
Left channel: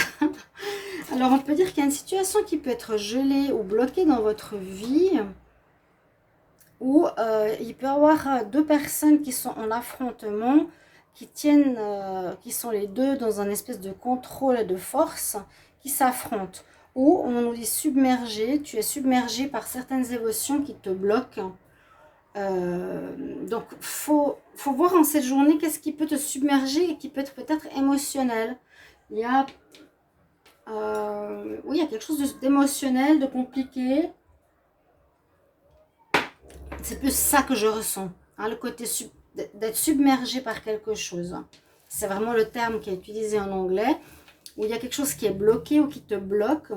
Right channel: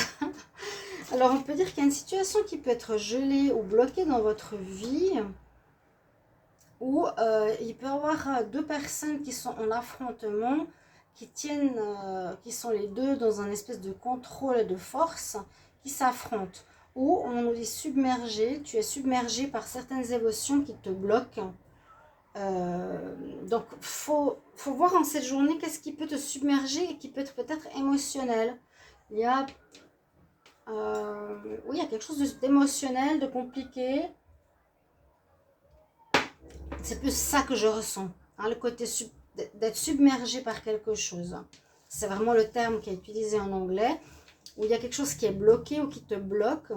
Alors, on peut dire qu'il y a une situation qui peut être gelée ou bloquée dans votre vie. Ou il peut y avoir deux personnes qui sont en affrontement, qui sont les deux dans un espèce de contrôle et de force, qui s'affrontent. Ou on nous dit submergé, tu es submergé par certaines émotions qui te bloquent. Donc, faut voir en cette journée qu'est-ce qui peut te submerger et qui peut être peut-être émotionnel. Il y a, oui, il y a quelque chose d'émotionnel, de compliqué. C'est plus ça que je ressens, hein, le côté d'être submergé par quelque chose. C'est vraiment le terme qui est utilisé en anglais, où il y a quelque chose qui est bloqué ou qui te bloque.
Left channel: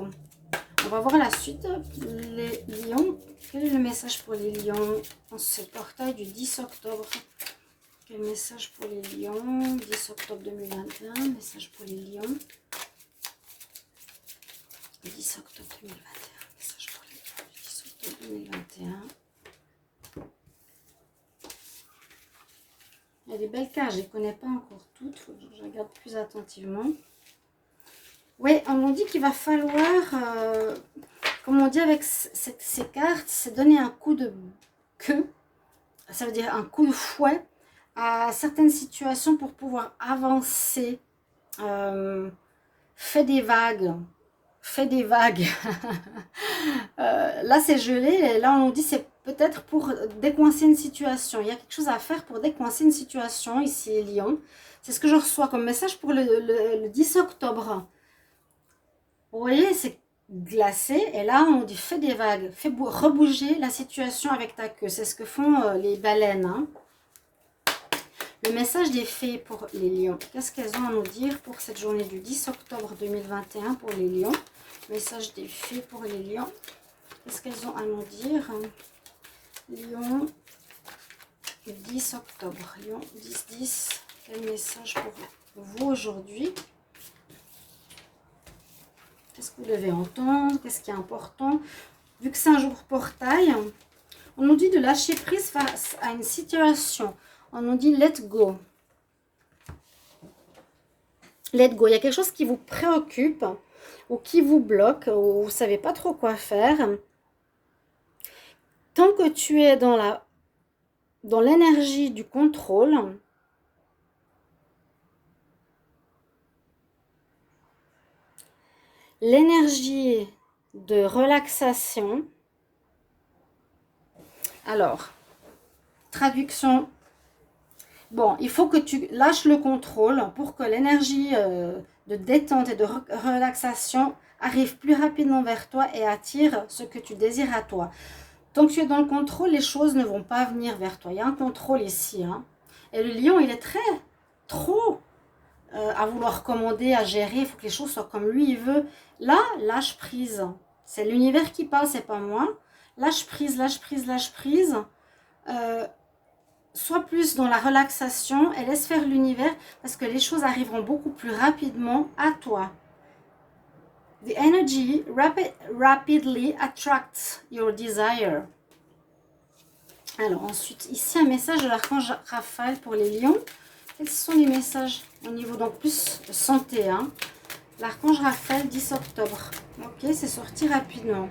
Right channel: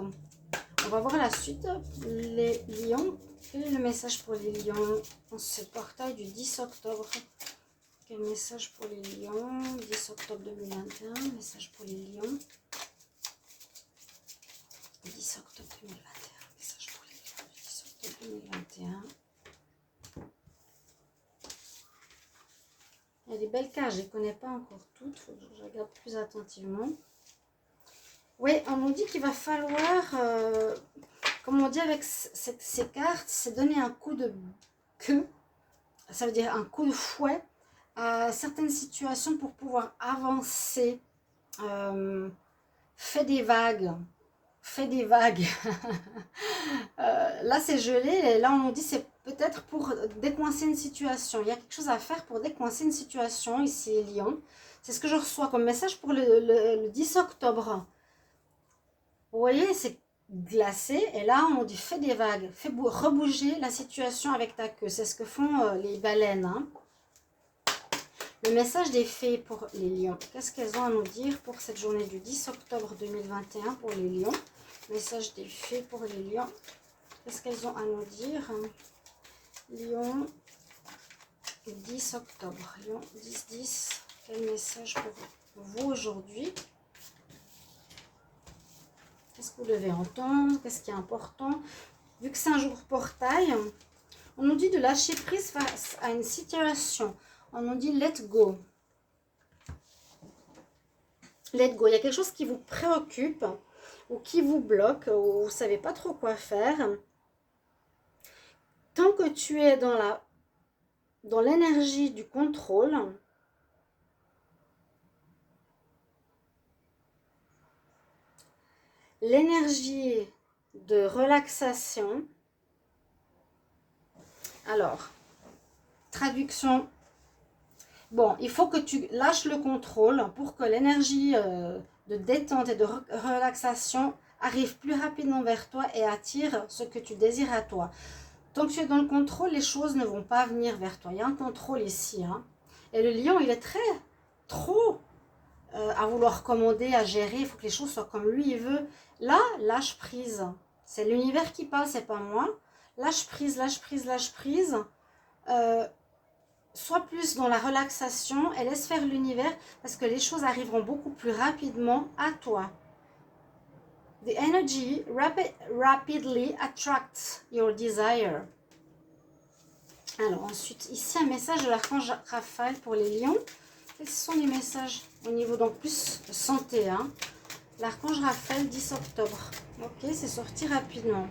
On va voir la suite, les lions. Quel est le message pour les lions en ce portail du 10 octobre? Quel message pour les lions? 10 octobre 2021, message pour les lions. 10 octobre 2021, message pour les lions. 10 octobre 2021. Il y a des belles cartes, je ne les connais pas encore toutes, il faut que je regarde plus attentivement. Oui, on nous dit qu'il va falloir, comme on dit avec ces cartes, c'est donner un coup de queue, ça veut dire un coup de fouet à certaines situations pour pouvoir avancer. Fais des vagues. Fais des vagues. Là, c'est gelé, et là, on nous dit c'est peut-être pour décoincer une situation. Il y a quelque chose à faire pour décoincer une situation, ici, Lyon. C'est ce que je reçois comme message pour le 10 octobre. Vous voyez, c'est glacé. Et là, on dit fais des vagues. Fais rebouger la situation avec ta queue. C'est ce que font les baleines. Hein. Le message des fées pour les lions. Qu'est-ce qu'elles ont à nous dire pour cette journée du 10 octobre 2021 pour les lions? Message des fées pour les lions. Qu'est-ce qu'elles ont à nous dire? Lion, 10 octobre. Lion, 10-10. Quel message pour vous aujourd'hui? Qu'est-ce que vous devez entendre? Qu'est-ce qui est important? Vu que c'est un jour portail, on nous dit de lâcher prise face à une situation. On nous dit let go. Let go. Il y a quelque chose qui vous préoccupe ou qui vous bloque ou vous ne savez pas trop quoi faire. Tant que tu es dans l'énergie du contrôle, l'énergie de relaxation. Alors, traduction. Bon, il faut que tu lâches le contrôle pour que l'énergie de détente et de relaxation arrive plus rapidement vers toi et attire ce que tu désires à toi. Tant que tu es dans le contrôle, les choses ne vont pas venir vers toi. Il y a un contrôle ici. Hein. Et le lion, il est trop à vouloir commander, à gérer. Il faut que les choses soient comme lui, il veut. Là, lâche prise. C'est l'univers qui parle, c'est pas moi. Lâche prise, lâche prise, lâche prise. Sois plus dans la relaxation et laisse faire l'univers parce que les choses arriveront beaucoup plus rapidement à toi. The energy rapidly attracts your desire. Alors ensuite, ici un message de l'archange Raphaël pour les lions. Quels sont les messages au niveau donc plus santé, hein? L'archange Raphaël, 10 octobre. Ok, c'est sorti rapidement.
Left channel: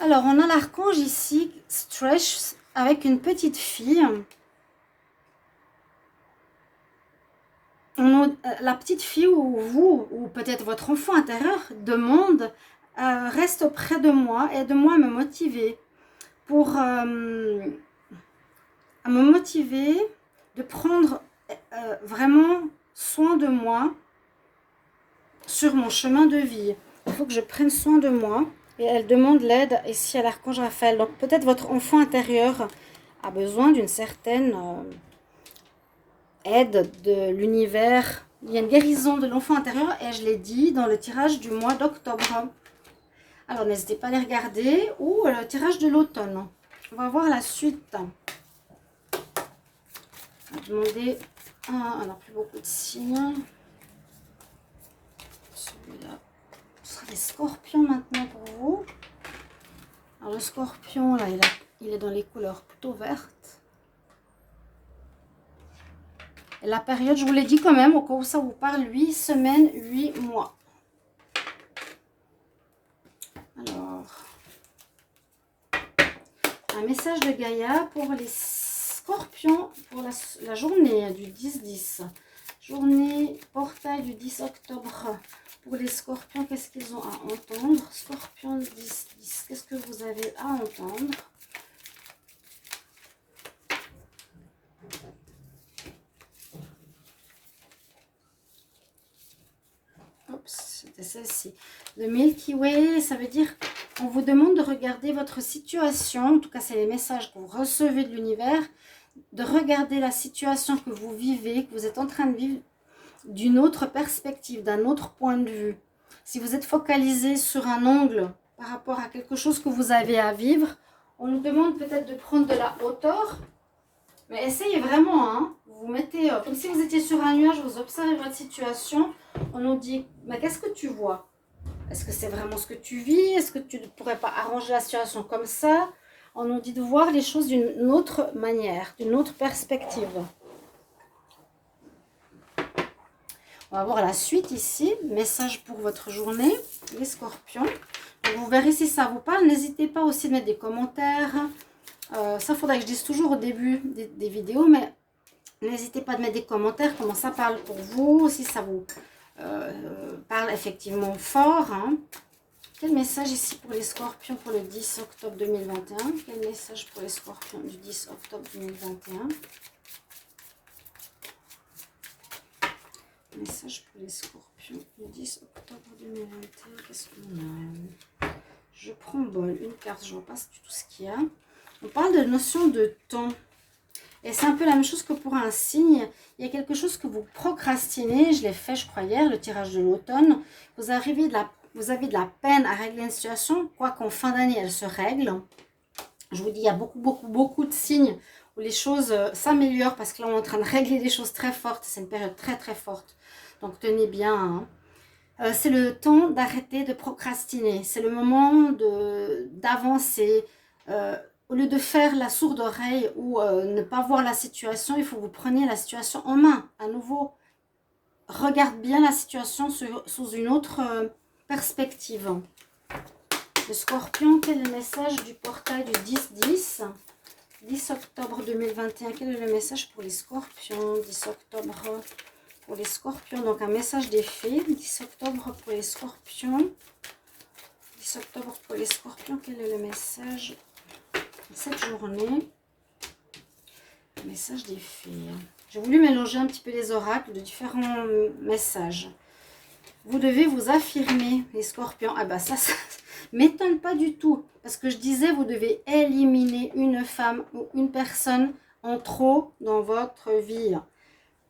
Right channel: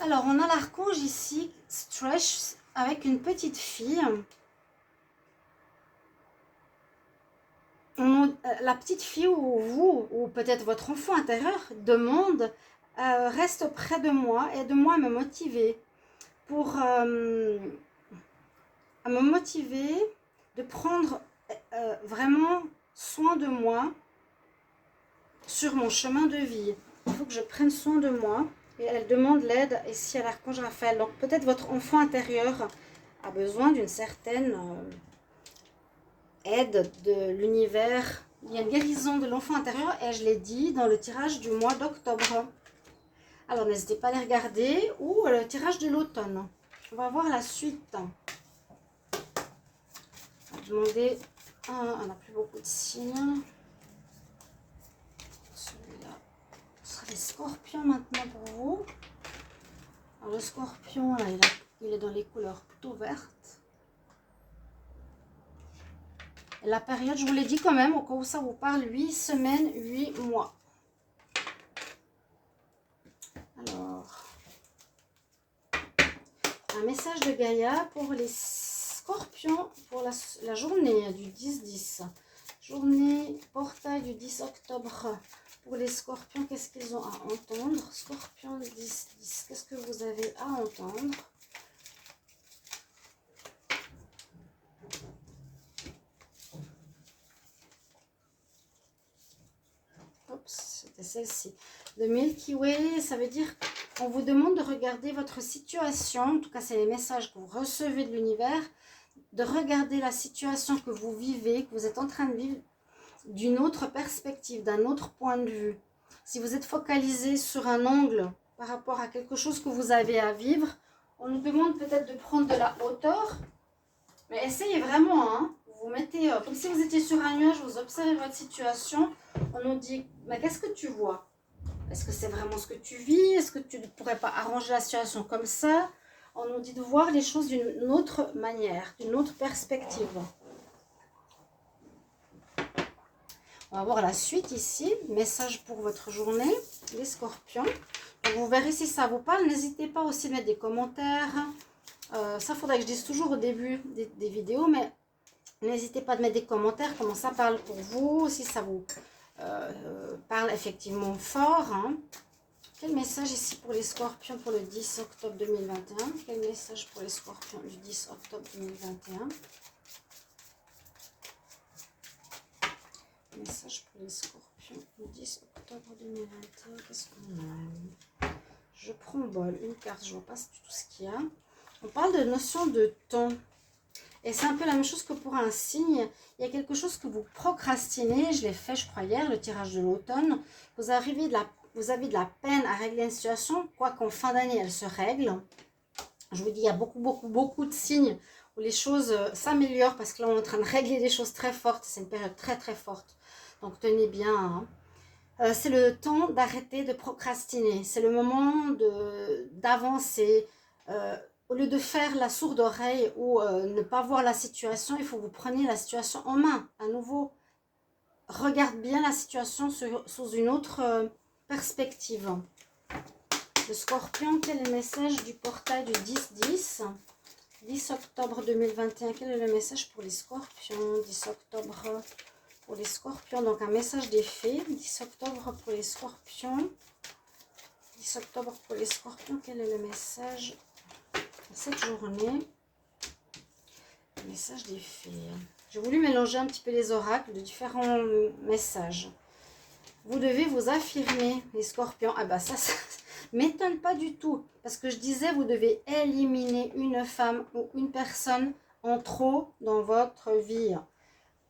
Alors, on a l'archange ici, Stretch, avec une petite fille. La petite fille ou vous, ou peut-être votre enfant intérieur, demande, reste près de moi, aide-moi à me motiver. À me motiver de prendre vraiment soin de moi sur mon chemin de vie. Il faut que je prenne soin de moi. Et elle demande l'aide ici à l'archange Raphaël. Donc peut-être votre enfant intérieur a besoin d'une certaine aide de l'univers. Il y a une guérison de l'enfant intérieur et je l'ai dit dans le tirage du mois d'octobre. Alors n'hésitez pas à les regarder ou le tirage de l'automne. On va voir la suite. On va demander on n'a plus beaucoup de signes. Celui-là, ce sera les scorpions maintenant pour vous. Alors le scorpion, là, il est dans les couleurs plutôt vertes. Et la période, je vous l'ai dit quand même, au cas où ça vous parle, 8 semaines, 8 mois. Alors, un message de Gaïa pour les scorpions pour la journée du 10-10. Journée portail du 10 octobre. Pour les scorpions, qu'est-ce qu'ils ont à entendre? Scorpion 10-10, qu'est-ce que vous avez à entendre? C'était celle-ci. Le Milky Way, ça veut dire on vous demande de regarder votre situation. En tout cas, c'est les messages que vous recevez de l'univers. De regarder la situation que vous vivez, que vous êtes en train de vivre d'une autre perspective, d'un autre point de vue. Si vous êtes focalisé sur un angle par rapport à quelque chose que vous avez à vivre, on nous demande peut-être de prendre de la hauteur. Mais essayez vraiment, hein. Vous mettez, comme si vous étiez sur un nuage, vous observez votre situation. On nous dit, mais qu'est-ce que tu vois? Est-ce que c'est vraiment ce que tu vis? Est-ce que tu ne pourrais pas arranger la situation comme ça? On nous dit de voir les choses d'une autre manière, d'une autre perspective. On va voir la suite ici. Message pour votre journée, les scorpions. Donc vous verrez si ça vous parle. N'hésitez pas aussi à mettre des commentaires. Ça, il faudrait que je dise toujours au début des vidéos, mais n'hésitez pas à mettre des commentaires, comment ça parle pour vous, si ça vous parle effectivement fort. Hein. Quel message ici pour les scorpions pour le 10 octobre 2021? Quel message pour les scorpions du 10 octobre 2021? Message pour les scorpions du 10 octobre 2021. Qu'est-ce qu'on a? Je prends bol, une carte, je ne vois pas du tout ce qu'il y a. On parle de notion de temps. Et c'est un peu la même chose que pour un signe. Il y a quelque chose que vous procrastinez. Je l'ai fait, je crois, hier, le tirage de l'automne. Vous avez de la peine à régler une situation. Quoi qu'en fin d'année, elle se règle. Je vous dis, il y a beaucoup de signes où les choses s'améliorent. Parce que là, on est en train de régler des choses très fortes. C'est une période très, très forte. Donc, tenez bien. Hein. C'est le temps d'arrêter de procrastiner. C'est le moment d'avancer. Au lieu de faire la sourde oreille ou ne pas voir la situation, il faut que vous preniez la situation en main. À nouveau, regarde bien la situation sous une autre perspective. Le scorpion, quel est le message du portail du 10-10 10 octobre 2021, quel est le message pour les scorpions? 10 octobre pour les scorpions, donc un message des fées. 10 octobre pour les scorpions. 10 octobre pour les scorpions, quel est le message cette journée? Message des fées. J'ai voulu mélanger un petit peu les oracles de différents messages. Vous devez vous affirmer, les scorpions. Ah bah ça m'étonne pas du tout. Parce que je disais, vous devez éliminer une femme ou une personne en trop dans votre vie.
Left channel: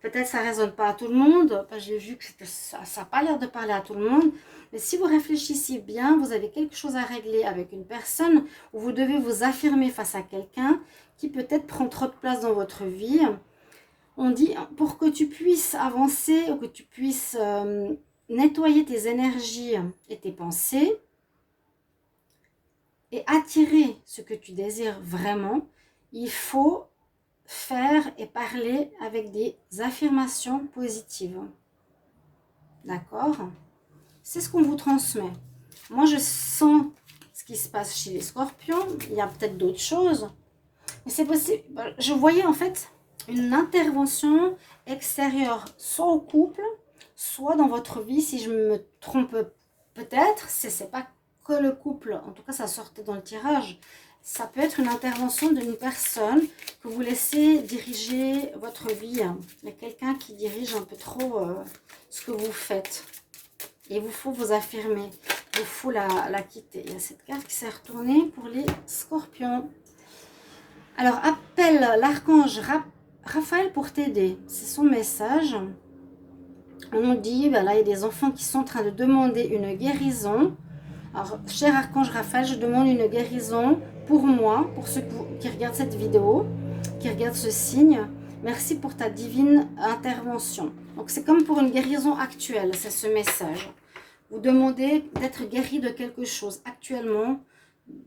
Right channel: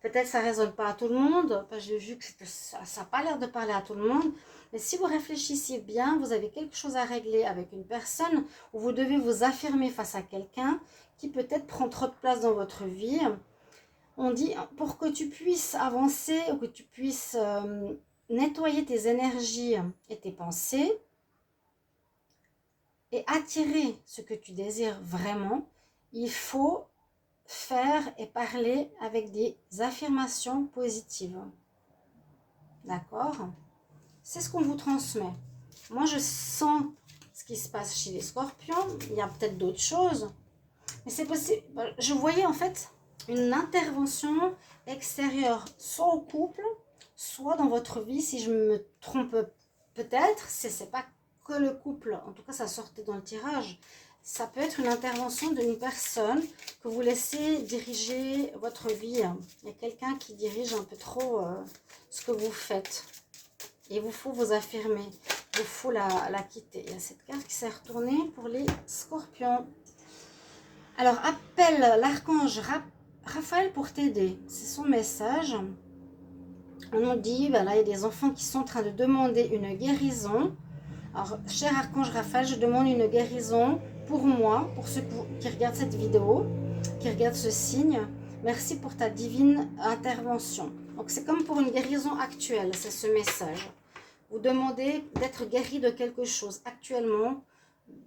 Peut-être ça ne résonne pas à tout le monde. J'ai vu que ça n'a pas l'air de parler à tout le monde. Mais si vous réfléchissez bien, vous avez quelque chose à régler avec une personne où vous devez vous affirmer face à quelqu'un qui peut-être prend trop de place dans votre vie. On dit, pour que tu puisses avancer ou que tu puisses nettoyer tes énergies et tes pensées, et attirer ce que tu désires vraiment, il faut faire et parler avec des affirmations positives. D'accord? C'est ce qu'on vous transmet. Moi, je sens ce qui se passe chez les scorpions. Il y a peut-être d'autres choses. Mais c'est possible. Je voyais en fait une intervention extérieure, soit au couple, soit dans votre vie, si je me trompe peut-être. C'est pas que le couple. En tout cas, ça sortait dans le tirage. Ça peut être une intervention d'une personne que vous laissez diriger votre vie. Il y a quelqu'un qui dirige un peu trop ce que vous faites. Et il vous faut vous affirmer. Il vous faut la quitter. Il y a cette carte qui s'est retournée pour les scorpions. Alors, appelle l'archange Raphaël pour t'aider. C'est son message. On nous dit, ben là, il y a des enfants qui sont en train de demander une guérison. Alors, cher archange Raphaël, je demande une guérison pour moi, pour ceux qui regardent cette vidéo, qui regardent ce signe. Merci pour ta divine intervention. Donc, c'est comme pour une guérison actuelle, c'est ce message. Vous demandez d'être guéri de quelque chose actuellement,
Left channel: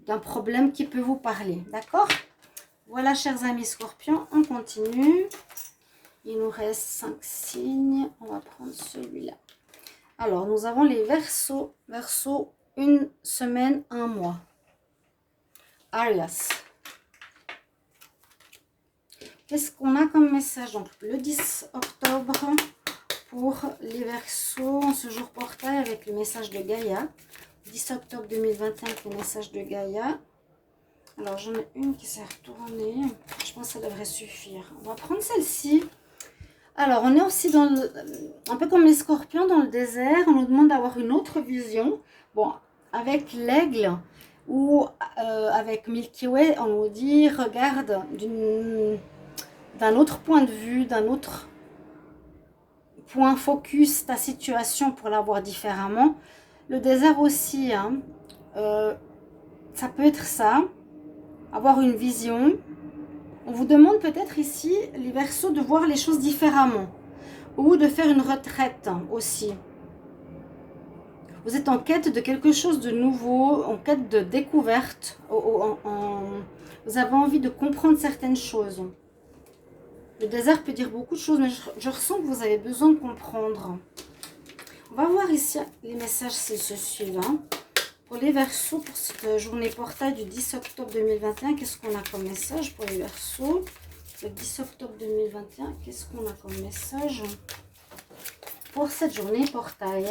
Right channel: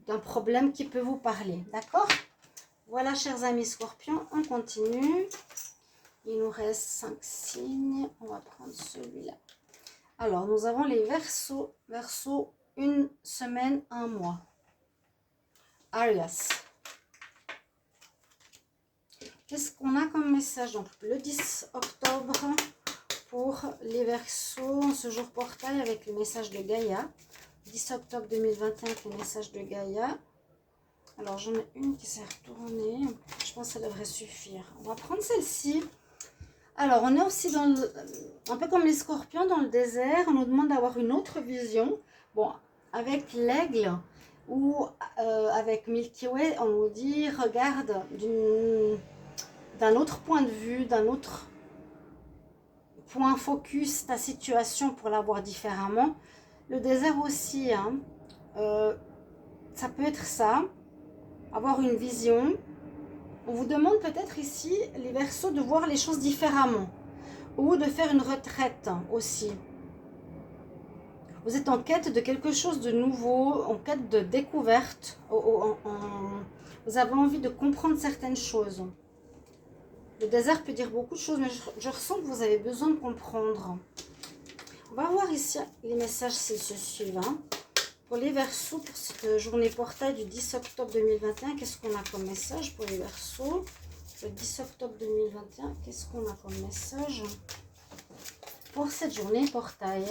d'un problème qui peut vous parler. D'accord ? Voilà, chers amis scorpions, on continue. Il nous reste 5 signes. On va prendre celui-là. Alors, nous avons les Verseaux. Verseau, une semaine, un mois. Arias. Qu'est-ce qu'on a comme message? Donc, le 10 octobre pour les Verseaux, ce jour portail avec le message de Gaïa. 10 octobre 2021 avec le message de Gaïa. Alors, j'en ai une qui s'est retournée. Je pense que ça devrait suffire. On va prendre celle-ci. Alors, on est aussi dans un peu comme les scorpions dans le désert. On nous demande d'avoir une autre vision. Bon, avec l'aigle ou avec Milky Way, on nous dit, regarde d'un autre point de vue, d'un autre point focus ta situation pour la voir différemment. Le désert aussi, hein, ça peut être ça. Avoir une vision. On vous demande peut-être ici, les Verseaux, de voir les choses différemment. Ou de faire une retraite aussi. Vous êtes en quête de quelque chose de nouveau, en quête de découverte. Vous avez envie de comprendre certaines choses. Le désert peut dire beaucoup de choses, mais je ressens que vous avez besoin de comprendre. On va voir ici les messages, c'est ce suivant. Pour les Verseaux, pour cette journée portail du 10 octobre 2021, qu'est-ce qu'on a comme message pour les Verseaux? Le 10 octobre 2021, qu'est-ce qu'on a comme message pour cette journée portail?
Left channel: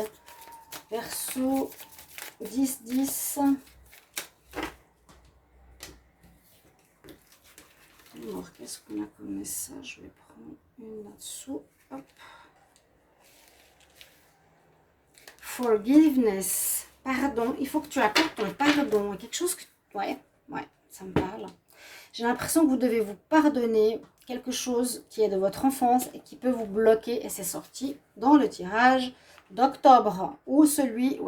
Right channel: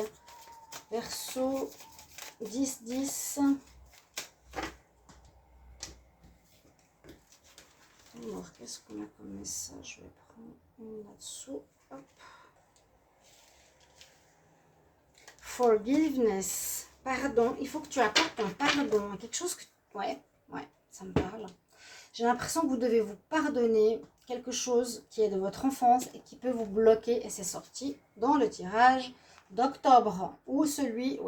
Verseau 10-10. Alors, qu'est-ce qu'on a comme message? Je vais prendre une là-dessous. Hop. Forgiveness. Pardon. Il faut que tu apportes ton pardon. Quelque chose que... Ouais, ça me parle. J'ai l'impression que vous devez vous pardonner quelque chose qui est de votre enfance et qui peut vous bloquer. Et c'est sorti dans le tirage d'octobre ou celui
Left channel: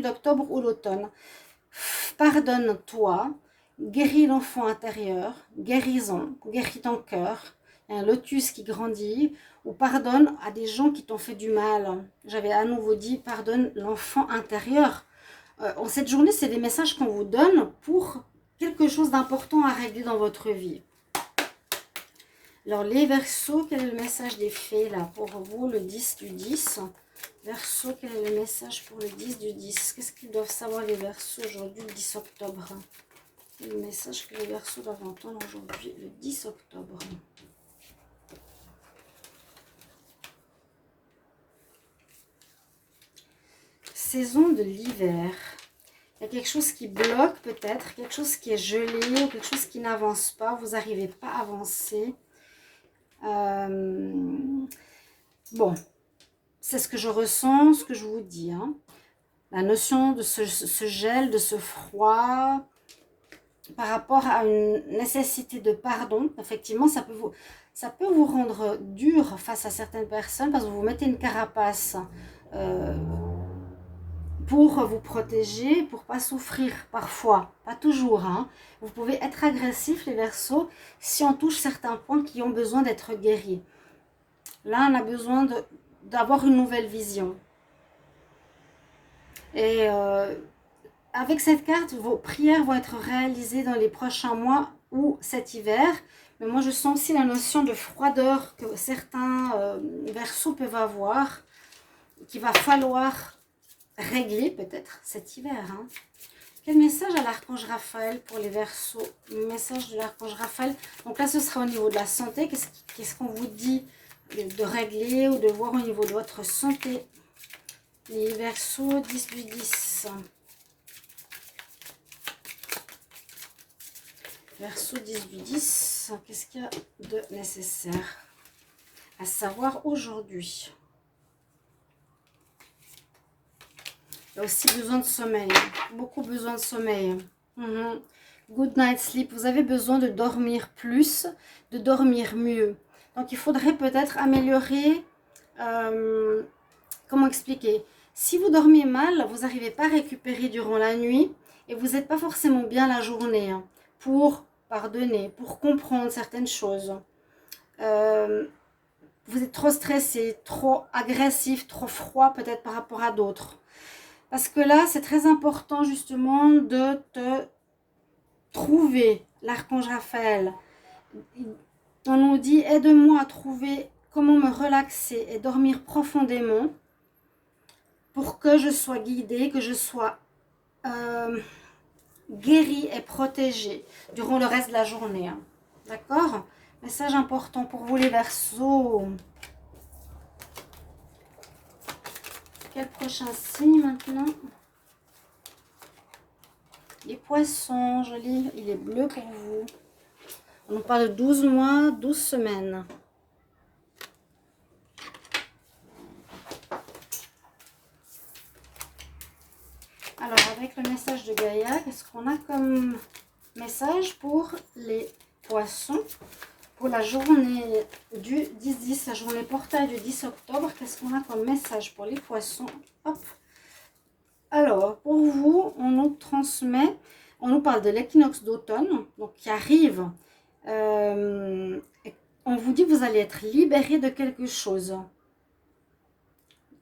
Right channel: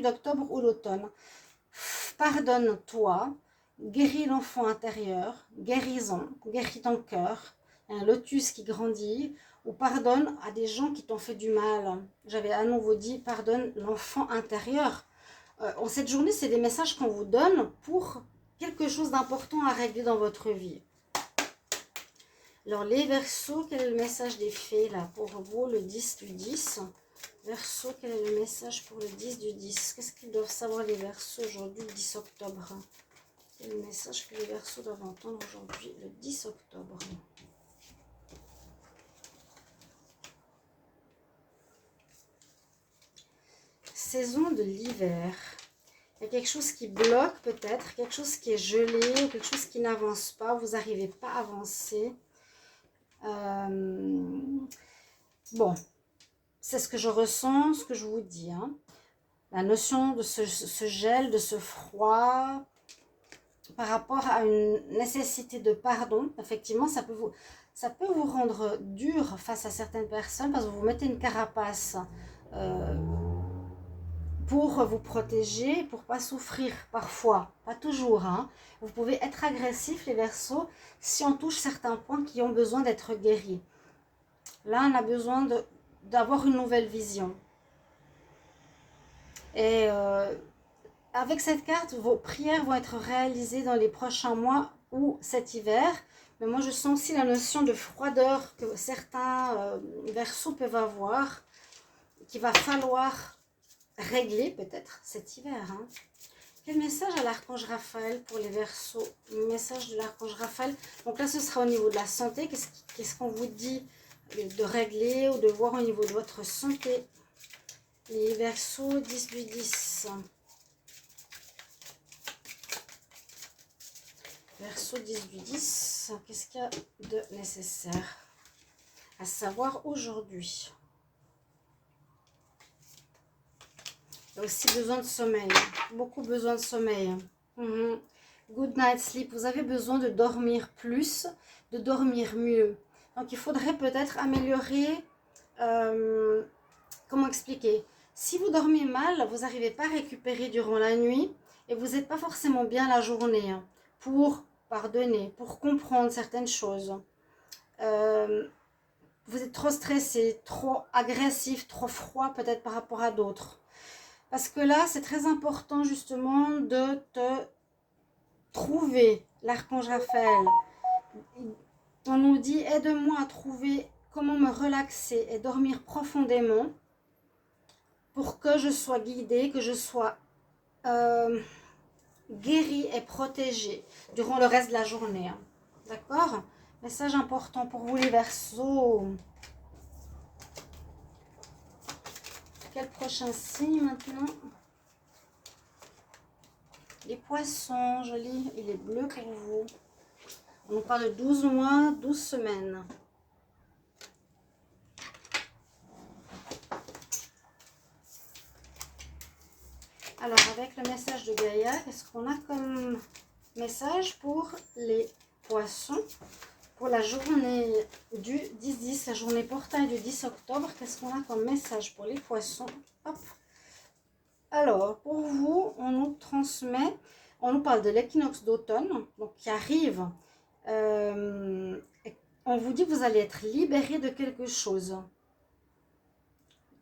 d'octobre ou l'automne. Pardonne-toi, guéris l'enfant intérieur, guérison, guéris ton cœur, un lotus qui grandit, ou pardonne à des gens qui t'ont fait du mal. J'avais à nouveau dit, pardonne l'enfant intérieur. En cette journée, c'est des messages qu'on vous donne pour quelque chose d'important à régler dans votre vie. Alors, les Verseaux, quel est le message des fées là pour vous, le 10 du 10? Verseau, quel est le message pour le 10 du 10? Qu'est-ce qu'ils doivent savoir les Verseaux aujourd'hui, le 10 octobre? Quel est le message que les Verseaux doivent entendre aujourd'hui, le 10 octobre? Saison de l'hiver. Il y a quelque chose qui bloque peut-être, quelque chose qui est gelé, ou quelque chose qui n'avance pas, vous n'arrivez pas à avancer. Bon, c'est ce que je ressens, ce que je vous dis. Hein. La notion de ce gel, de ce froid, par rapport à une nécessité de pardon, effectivement, ça peut vous rendre dur face à certaines personnes parce que vous mettez une carapace pour vous protéger, pour ne pas souffrir parfois, pas toujours. Hein. Vous pouvez être agressif, les Verseaux, si on touche certains points qui ont besoin d'être guéris. Là, on a besoin d'avoir une nouvelle vision. Et avec cette carte, vos prières vont être réalisées dans les prochains mois ou cet hiver. Mais moi, je sens aussi la notion de froideur que certains Verseaux peuvent avoir, qu'il va falloir régler peut-être cet hiver. Hein. Quel message à l'archange Raphaël pour les Verseaux? Message de l'archange Raphaël. Donc là, ce sera au niveau de la santé. Qu'est-ce qu'on vous dit de régler ou de voir au niveau de votre santé? Les Verseaux 10 du 10. Verseau 10 du 10. Qu'est-ce qu'il y a de nécessaire à savoir aujourd'hui? Il y a aussi besoin de sommeil. Beaucoup besoin de sommeil. Good night sleep. Vous avez besoin de dormir plus, de dormir mieux. Donc, il faudrait peut-être améliorer... comment expliquer? Si vous dormez mal, vous n'arrivez pas à récupérer durant la nuit et vous n'êtes pas forcément bien la journée pour pardonner, pour comprendre certaines choses. Vous êtes trop stressé, trop agressif, trop froid peut-être par rapport à d'autres. Parce que là, c'est très important justement de te trouver, l'archange Raphaël. On nous dit, aide-moi à trouver comment me relaxer et dormir profondément pour que je sois guidée, que je sois guérie et protégée durant le reste de la journée. Hein. D'accord? Message important pour vous les Verseaux. Quel prochain signe maintenant? Les Poissons, joli, il est bleu pour vous. On nous parle de 12 mois, 12 semaines. Alors, avec le message de Gaïa, qu'est-ce qu'on a comme message pour les Poissons? Pour la journée du 10-10, la journée portail du 10 octobre, qu'est-ce qu'on a comme message pour les Poissons? Hop. Alors, pour vous, on nous transmet, on nous parle de l'équinoxe d'automne, donc qui arrive. On vous dit que vous allez être libéré de quelque chose.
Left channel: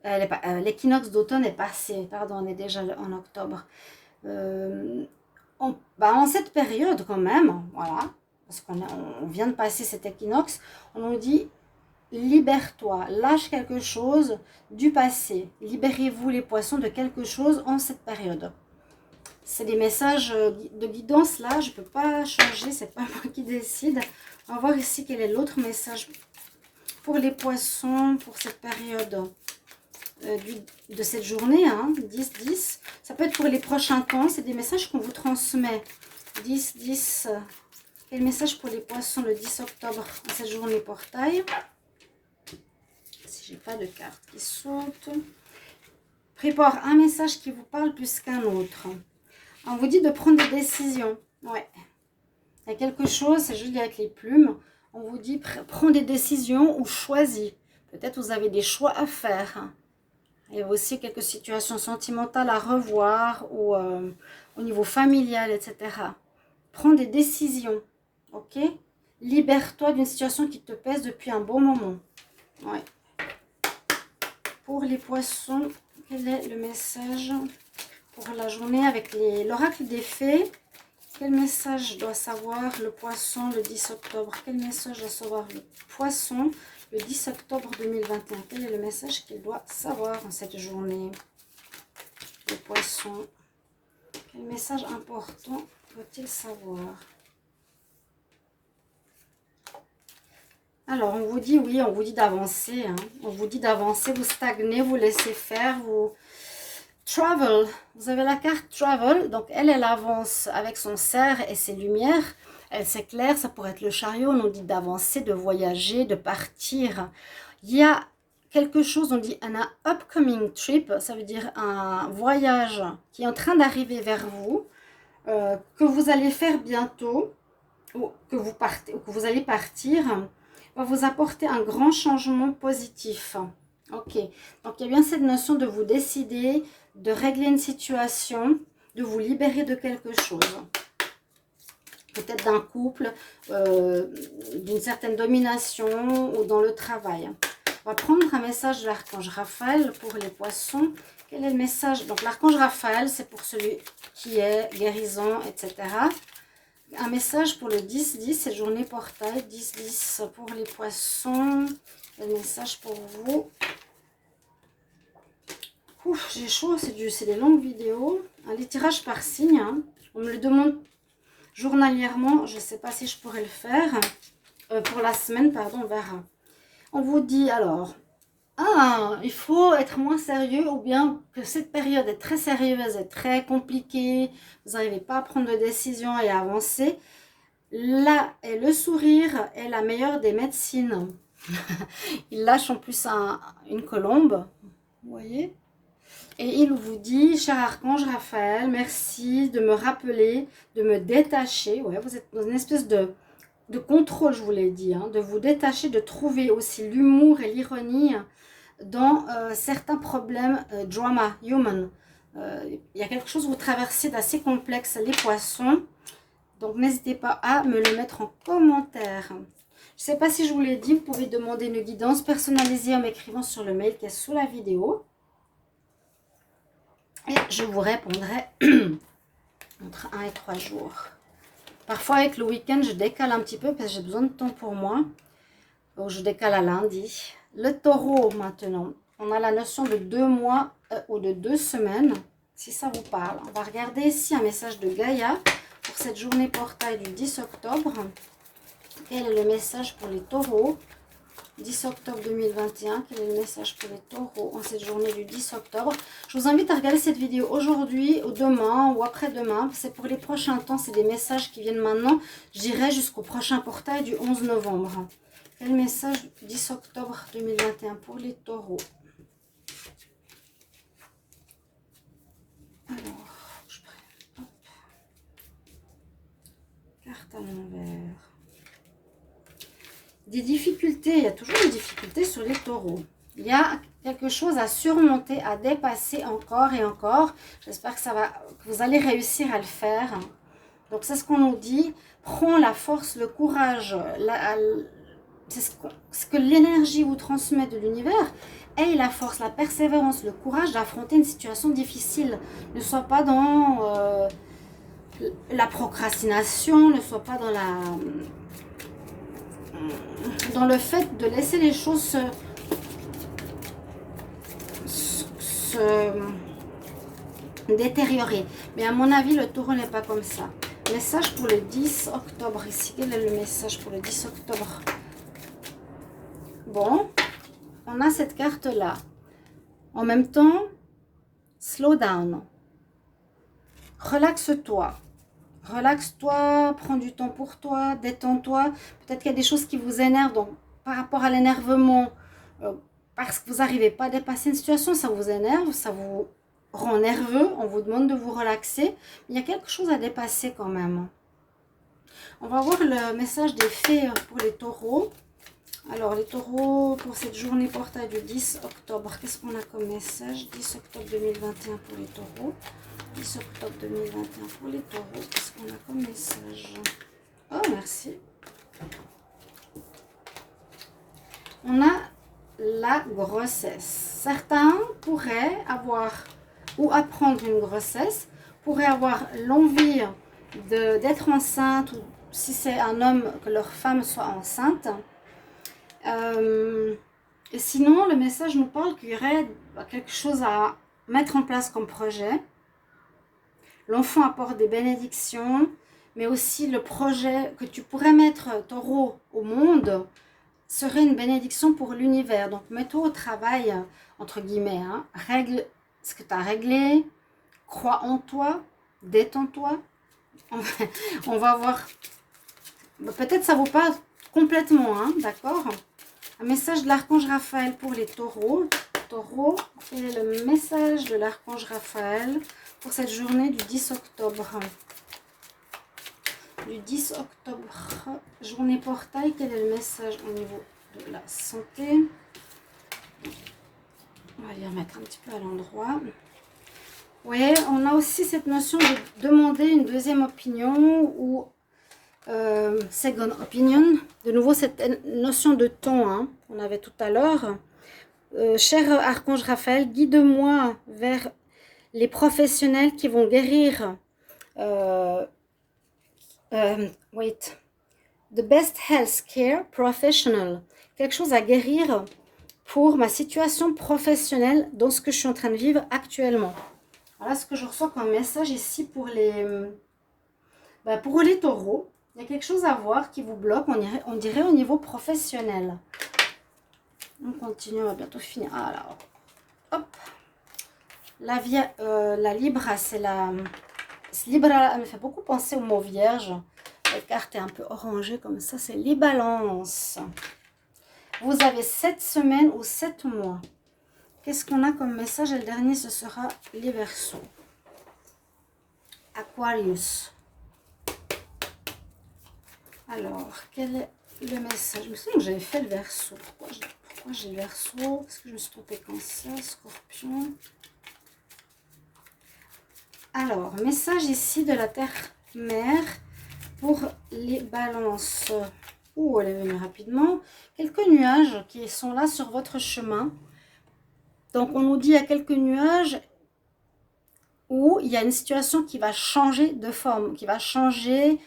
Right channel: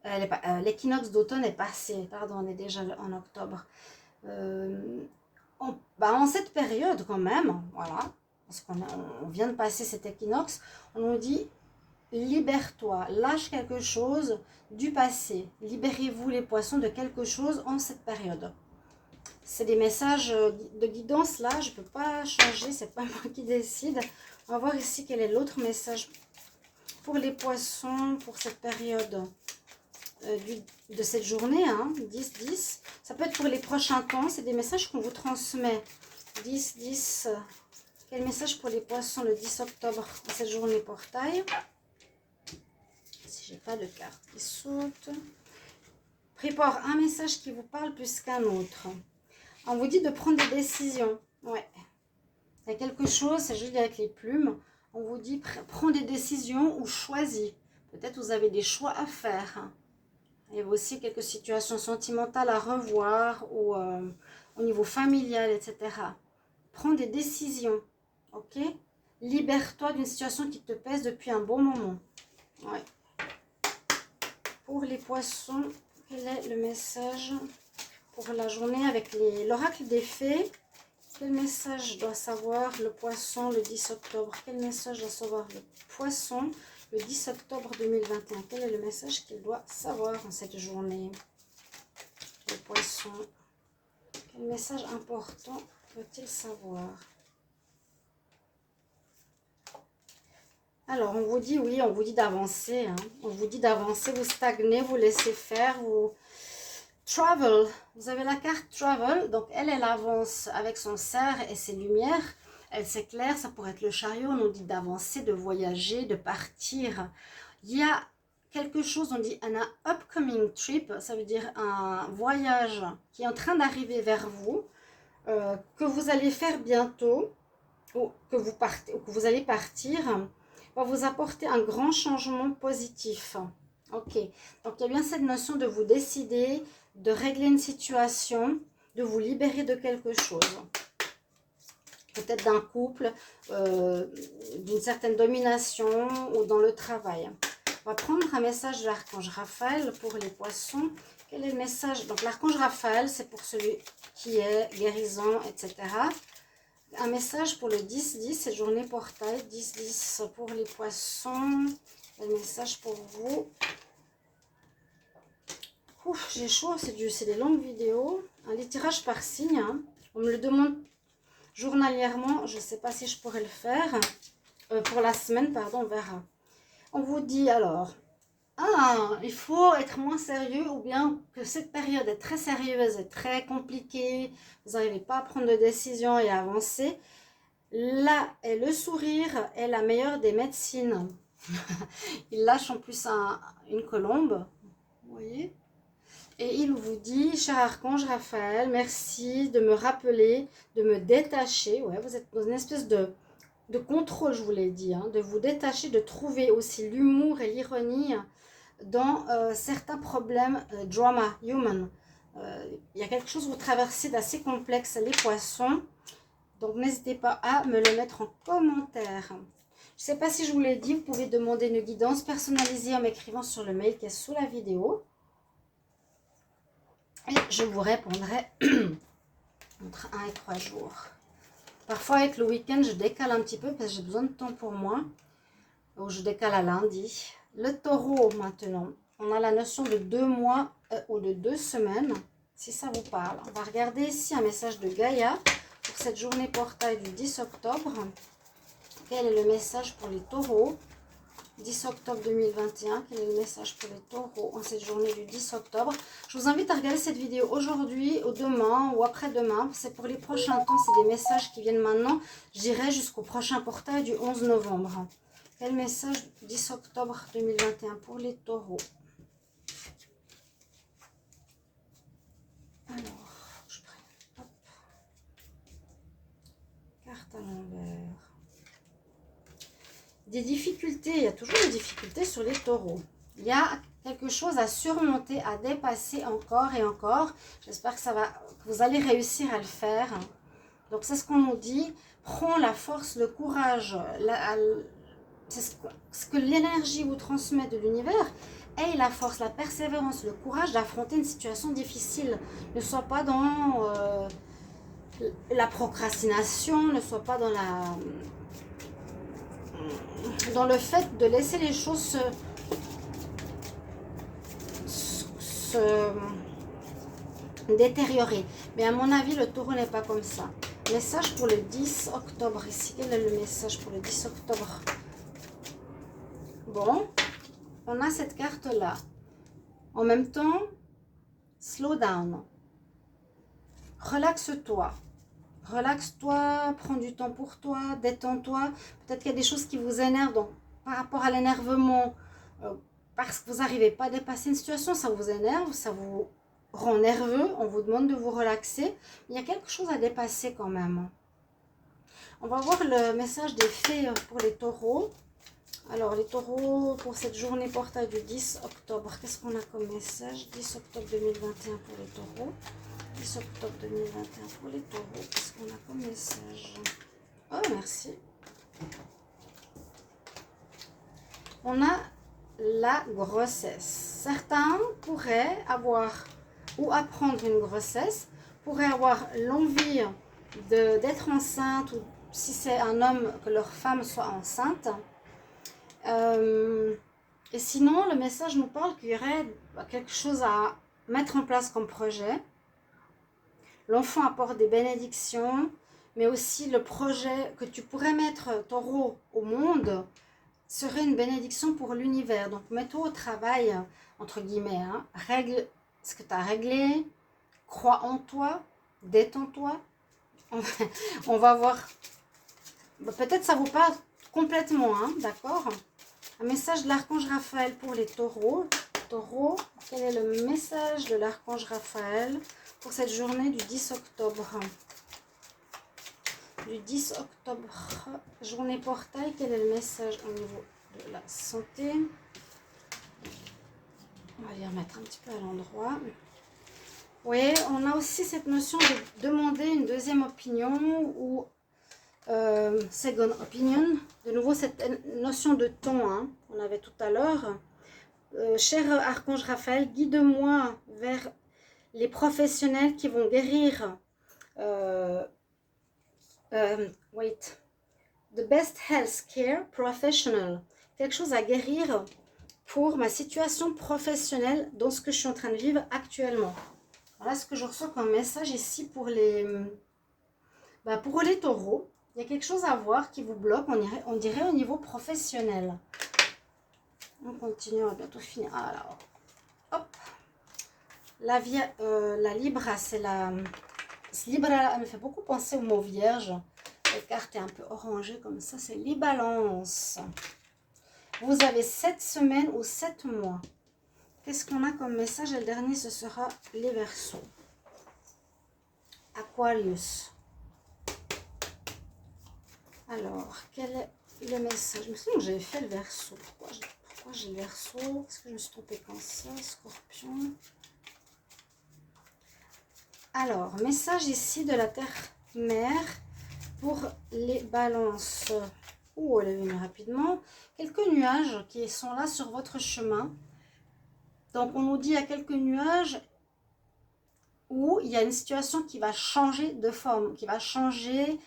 L'équinoxe d'automne est passé, pardon, on est déjà en octobre. En cette période quand même, voilà, parce qu'on vient de passer cet équinoxe, on nous dit libère-toi, lâche quelque chose du passé, libérez-vous les Poissons de quelque chose en cette période. C'est des messages de guidance là, je ne peux pas changer, c'est pas moi qui décide. On va voir ici quel est l'autre message pour les Poissons pour cette période de cette journée, hein, 10-10. Ça peut être pour les prochains temps, c'est des messages qu'on vous transmet. 10-10. Quel message pour les Poissons le 10 octobre, cette journée portail? Si j'ai pas de carte qui saute. Prépare un message qui vous parle plus qu'un autre. On vous dit de prendre des décisions. Ouais. Il y a quelque chose, c'est joli avec les plumes. On vous dit prends des décisions ou choisis. Peut-être vous avez des choix à faire. Il y a aussi quelques situations sentimentales à revoir ou au niveau familial, etc. Prends des décisions. Ok? Libère-toi d'une situation qui te pèse depuis un bon moment. Ouais. Pour les Poissons, quel est le message pour la journée avec l'oracle des fées? Quel message doit savoir le Poisson le 10 octobre? Quel message doit savoir le Poisson le 10 octobre 2021? Quel est le message qu'il doit savoir en cette journée? Le Poisson. Quel message important doit-il savoir? Alors, on vous dit, oui, on vous dit d'avancer. Hein. On vous dit d'avancer, vous stagnez, vous laissez faire, vous... Travel, vous avez la carte Travel, donc elle avance avec son cerf et ses lumières, elle s'éclaire, ça pourrait être le chariot, on nous dit d'avancer, de voyager, de partir. Il y a quelque chose, on dit un upcoming trip, ça veut dire un voyage qui est en train d'arriver vers vous, que vous allez faire bientôt, ou que vous partez, ou que vous allez partir, va vous apporter un grand changement positif. Ok, donc il y a bien cette notion de vous décider, de régler une situation, de vous libérer de quelque chose. Peut-être d'un couple, d'une certaine domination ou dans le travail. On va prendre un message de l'archange Raphaël pour les Poissons. Quel est le message? Donc, l'archange Raphaël, c'est pour celui qui est guérison, etc. Un message pour le 10-10, cette journée portail. 10-10 pour les poissons. Un message pour vous. Ouf, j'ai chaud, c'est des longues vidéos. Les tirages par signe, hein. On me le demande journalièrement. Je ne sais pas si je pourrais le faire. Pour la semaine, pardon, on verra. On vous dit alors, il faut être moins sérieux ou bien que cette période est très sérieuse et très compliquée. Vous n'arrivez pas à prendre de décision et à avancer. Là, et le sourire est la meilleure des médecines. Il lâche en plus une colombe. Vous voyez? Et il vous dit, cher archange Raphaël, merci de me rappeler, de me détacher. Ouais, vous êtes dans une espèce de contrôle, je vous l'ai dit, hein, de vous détacher, de trouver aussi l'humour et l'ironie dans certains problèmes drama, human. Il y a quelque chose que vous traversez d'assez complexe, les poissons. Donc, n'hésitez pas à me le mettre en commentaire. Je ne sais pas si je vous l'ai dit, vous pouvez demander une guidance personnalisée en m'écrivant sur le mail qui est sous la vidéo. Et je vous répondrai entre 1 et 3 jours. Parfois, avec le week-end, je décale un petit peu parce que j'ai besoin de temps pour moi. Donc, je décale à lundi. Le taureau, maintenant. On a la notion de 2 mois ou de 2 semaines, si ça vous parle. On va regarder ici un message de Gaïa pour cette journée portail du 10 octobre. Quel est le message pour les taureaux? 10 octobre 2021, quel est le message pour les taureaux en cette journée du 10 octobre? Je vous invite à regarder cette vidéo aujourd'hui, ou demain, ou après-demain. C'est pour les prochains temps, c'est des messages qui viennent maintenant. J'irai jusqu'au prochain portail du 11 novembre. Quel message 10 octobre 2021 pour les taureaux? Alors, je prends, hop, carte à l'envers. Des difficultés, il y a toujours des difficultés sur les taureaux. Il y a quelque chose à surmonter, à dépasser encore et encore. J'espère que vous allez réussir à le faire. Donc c'est ce qu'on nous dit. Prends la force, le courage, c'est ce que l'énergie vous transmet de l'univers. Aie la force, la persévérance, le courage d'affronter une situation difficile. Ne sois pas dans la procrastination, ne sois pas dans le fait de laisser les choses se détériorer. Mais à mon avis, le taureau n'est pas comme ça. Message pour le 10 octobre ici. Quel est le message pour le 10 octobre? Bon, on a cette carte-là. En même temps, slow down. Relaxe-toi. Relaxe-toi, prends du temps pour toi, détends-toi. Peut-être qu'il y a des choses qui vous énervent. Donc, par rapport à l'énervement, parce que vous n'arrivez pas à dépasser une situation, ça vous énerve, ça vous rend nerveux, on vous demande de vous relaxer. Il y a quelque chose à dépasser quand même. On va voir le message des fées pour les taureaux. Alors, les taureaux, pour cette journée portail du 10 octobre, qu'est-ce qu'on a comme message? 10 octobre 2021 pour les taureaux. 10 octobre 2021 pour les taureaux. Qu'est-ce qu'on a comme message? Oh, merci. On a la grossesse. Certains pourraient avoir ou apprendre une grossesse, pourraient avoir l'envie d'être enceinte, ou si c'est un homme, que leur femme soit enceinte. Et sinon, le message nous parle qu'il y aurait quelque chose à mettre en place comme projet. L'enfant apporte des bénédictions, mais aussi le projet que tu pourrais mettre, taureau, au monde, serait une bénédiction pour l'univers. Donc, mets-toi au travail, entre guillemets, hein. Règle ce que tu as réglé, crois en toi, détends-toi. On va voir. Peut-être ça ne vaut pas complètement, hein, d'accord? Un message de l'archange Raphaël pour les taureaux. Taureau, quel est le message de l'archange Raphaël pour cette journée du 10 octobre? Du 10 octobre, journée portail, quel est le message au niveau de la santé? On va les remettre un petit peu à l'endroit. Oui, on a aussi cette notion de demander une deuxième opinion ou second opinion. De nouveau, cette notion de temps, hein, qu'on avait tout à l'heure. Cher Archange Raphaël, guide-moi vers les professionnels qui vont guérir. Wait. The best health care professional. Quelque chose à guérir pour ma situation professionnelle dans ce que je suis en train de vivre actuellement. Voilà ce que je reçois comme message ici pour les taureaux. Il y a quelque chose à voir qui vous bloque, on dirait au niveau professionnel. On continue, on va bientôt finir. Alors, hop. La Libra, c'est la... Libra, elle me fait beaucoup penser au mot vierge. La carte est un peu orangée comme ça, c'est les balances. Vous avez 7 semaines ou 7 mois. Qu'est-ce qu'on a comme message? Et le dernier, ce sera les Verseaux. Aquarius. Alors, quel est le message? Je me souviens que j'avais fait le Verseau. Pourquoi j'ai le Verseau? Parce que je me suis trompée Cancer, Scorpion. Alors, message ici de la Terre-Mère pour les balances. Ouh, elle est venue rapidement. Quelques nuages qui sont là sur votre chemin. Donc, on nous dit il y a quelques nuages où il y a une situation qui va changer de forme, qui va changer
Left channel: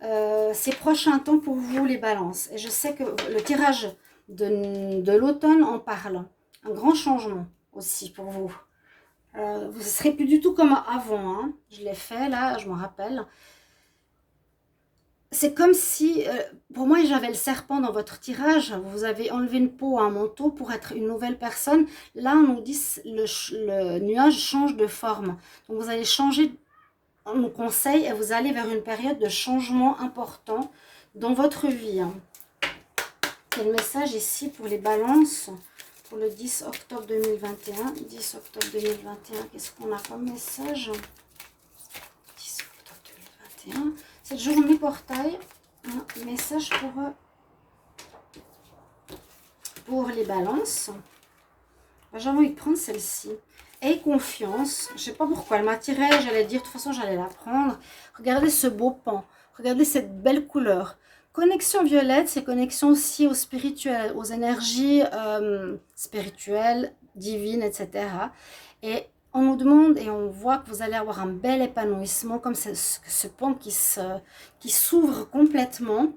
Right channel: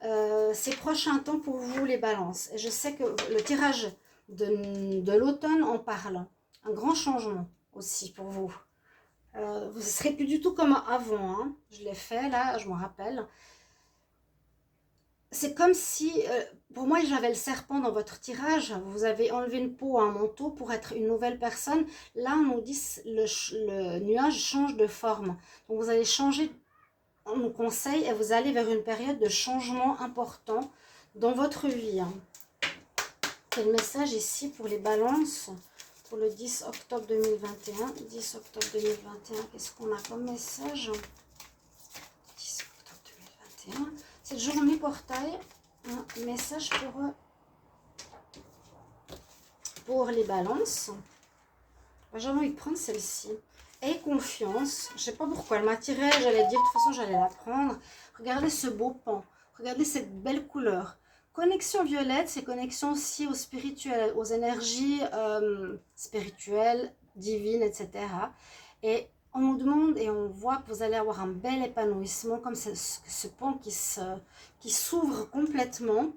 ces prochains temps pour vous, les balances. Et je sais que le tirage de l'automne en parle. Un grand changement aussi pour vous. Vous ne serez plus du tout comme avant. Hein. Je l'ai fait là, je me rappelle. C'est comme si, pour moi, j'avais le serpent dans votre tirage. Vous avez enlevé une peau, un manteau pour être une nouvelle personne. Là, on nous dit le nuage change de forme. Donc, vous allez changer, on nous conseille, et vous allez vers une période de changement important dans votre vie. C'est le message ici pour les balances, pour le 10 octobre 2021. 10 octobre 2021, qu'est-ce qu'on a comme message? 10 octobre 2021. Cette journée portail, un message pour les balances. J'ai envie de prendre celle-ci. Aie confiance. Je ne sais pas pourquoi elle m'attirait. J'allais dire, de toute façon, j'allais la prendre. Regardez ce beau pan. Regardez cette belle couleur. Connexion violette, c'est connexion aussi au spirituel, aux énergies spirituelles, divines, etc. Et on nous demande et on voit que vous allez avoir un bel épanouissement, comme ce pan qui s'ouvre complètement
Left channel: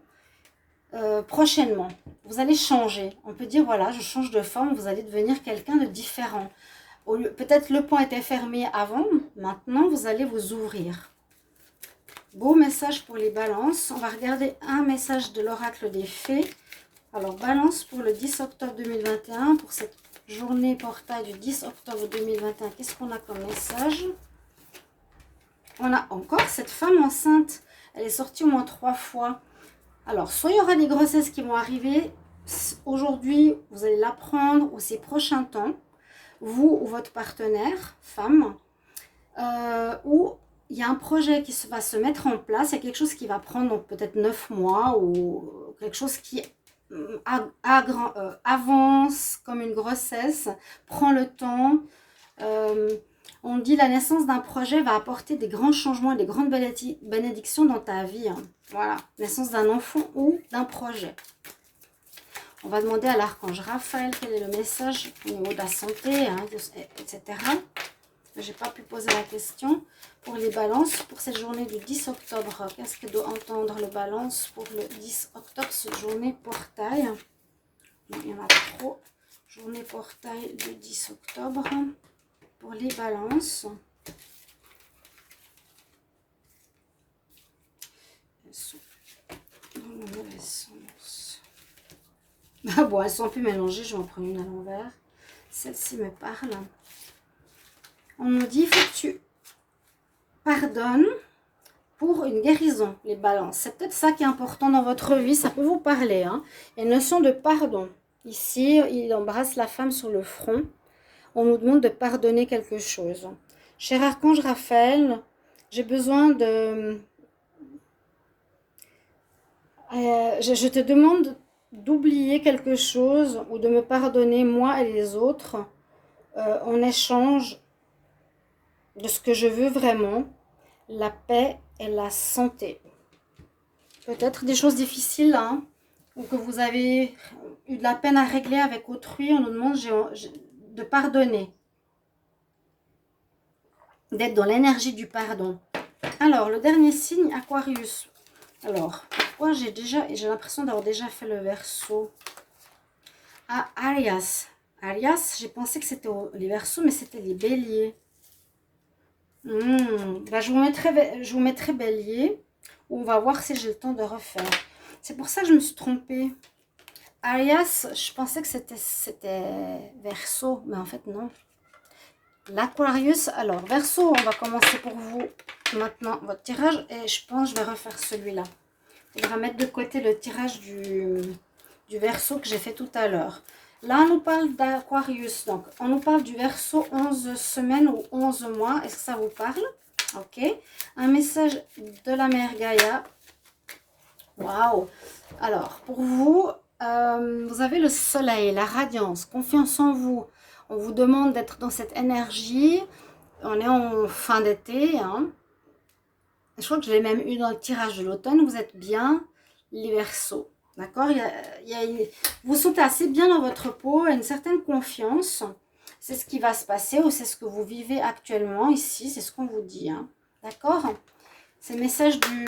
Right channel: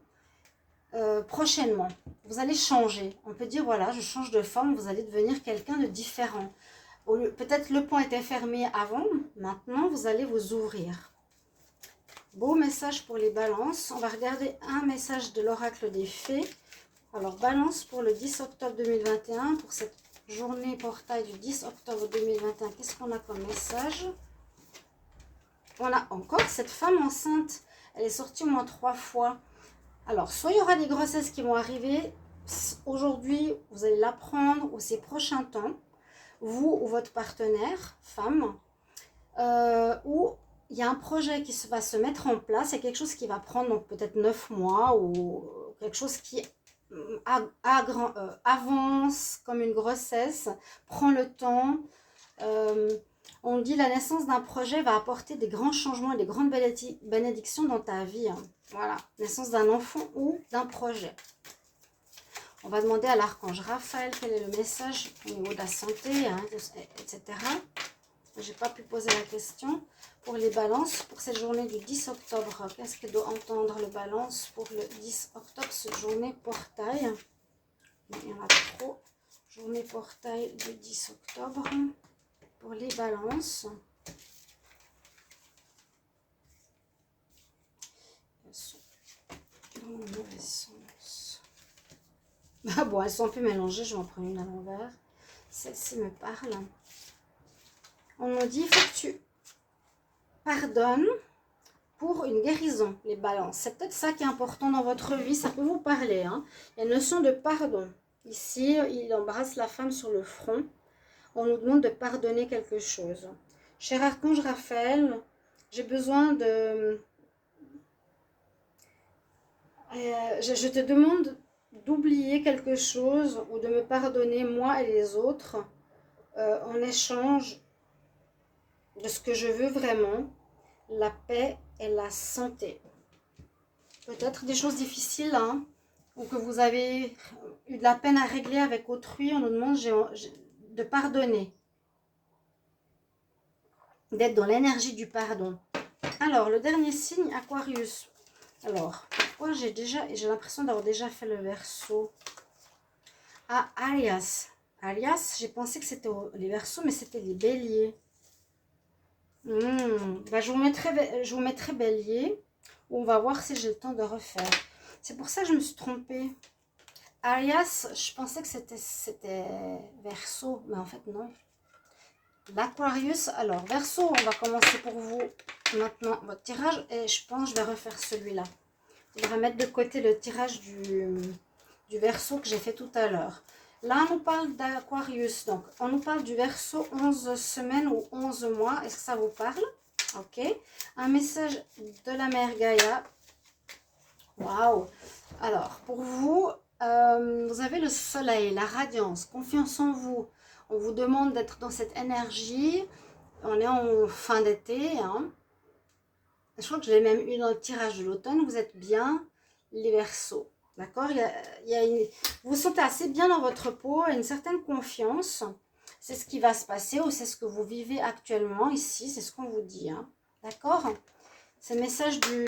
prochainement. Vous allez changer. On peut dire, voilà, je change de forme, vous allez devenir quelqu'un de différent. Peut-être le pan était fermé avant, maintenant vous allez vous ouvrir. Beau message pour les balances. On va regarder un message de l'oracle des fées. Alors, balance pour le 10 octobre 2021, pour cette journée portail du 10 octobre 2021. Qu'est-ce qu'on a comme message? On a encore cette femme enceinte. Elle est sortie au moins 3 fois. Alors, soit il y aura des grossesses qui vont arriver aujourd'hui, vous allez l'apprendre, ou ces prochains temps, vous ou votre partenaire, femme, ou il y a un projet qui va se mettre en place, il y a quelque chose qui va prendre peut-être 9 mois, ou quelque chose qui avance comme une grossesse, prend le temps. On dit la naissance d'un projet va apporter des grands changements, des grandes bénédictions dans ta vie. Hein. Voilà, naissance d'un enfant ou d'un projet. On va demander à l'archange Raphaël quel est le message au niveau de la santé, hein, etc. Je n'ai pas pu poser la question. Pour les balances, pour cette journée du 10 octobre, qu'est-ce que doit entendre le balance pour le 10 octobre, cette journée portail? Il y en a trop. Journée portail du 10 octobre. Pour les balances. Elles sont dans le mauvais sens. Ah bon, elles sont un peu mélangées, je vais en prendre une à l'envers. Celle-ci me parle. On nous dit, il faut que tu pardonnes pour une guérison, les balances. C'est peut-être ça qui est important dans votre vie, ça peut vous parler. Hein. Il y a une notion de pardon. Ici, il embrasse la femme sur le front. On nous demande de pardonner quelque chose. Cher archange Raphaël, j'ai besoin de... je te demande d'oublier quelque chose ou de me pardonner, moi et les autres, en échange de ce que je veux vraiment, la paix et la santé. Peut-être des choses difficiles, hein, ou que vous avez eu de la peine à régler avec autrui, on nous demande de pardonner, d'être dans l'énergie du pardon. Alors, le dernier signe, Aquarius. Alors, pourquoi j'ai l'impression d'avoir déjà fait le Verseau. Ah, Arias. Arias, j'ai pensé que c'était les Verseaux, mais c'était les Béliers. Bah, je vous mettrai Bélier. On va voir si j'ai le temps de refaire. C'est pour ça que je me suis trompée. Arias, je pensais que c'était Verseau, mais en fait non. L'Aquarius, alors Verseau, on va commencer pour vous maintenant votre tirage et je pense que je vais refaire celui-là. On va mettre de côté le tirage du Verseau que j'ai fait tout à l'heure. Là, on nous parle d'Aquarius, donc on nous parle du Verseau 11 semaines ou 11 mois. Est-ce que ça vous parle? Ok. Un message de la mère Gaïa. Waouh! Alors, pour vous, vous avez le soleil, la radiance, confiance en vous. On vous demande d'être dans cette énergie. On est en fin d'été. Hein. Je crois que je l'ai même eu dans le tirage de l'automne. Vous êtes bien, les Verseaux. D'accord, vous vous sentez assez bien dans votre peau, une certaine confiance. C'est ce qui va se passer ou c'est ce que vous vivez actuellement ici. C'est ce qu'on vous dit. Hein. D'accord? C'est le message du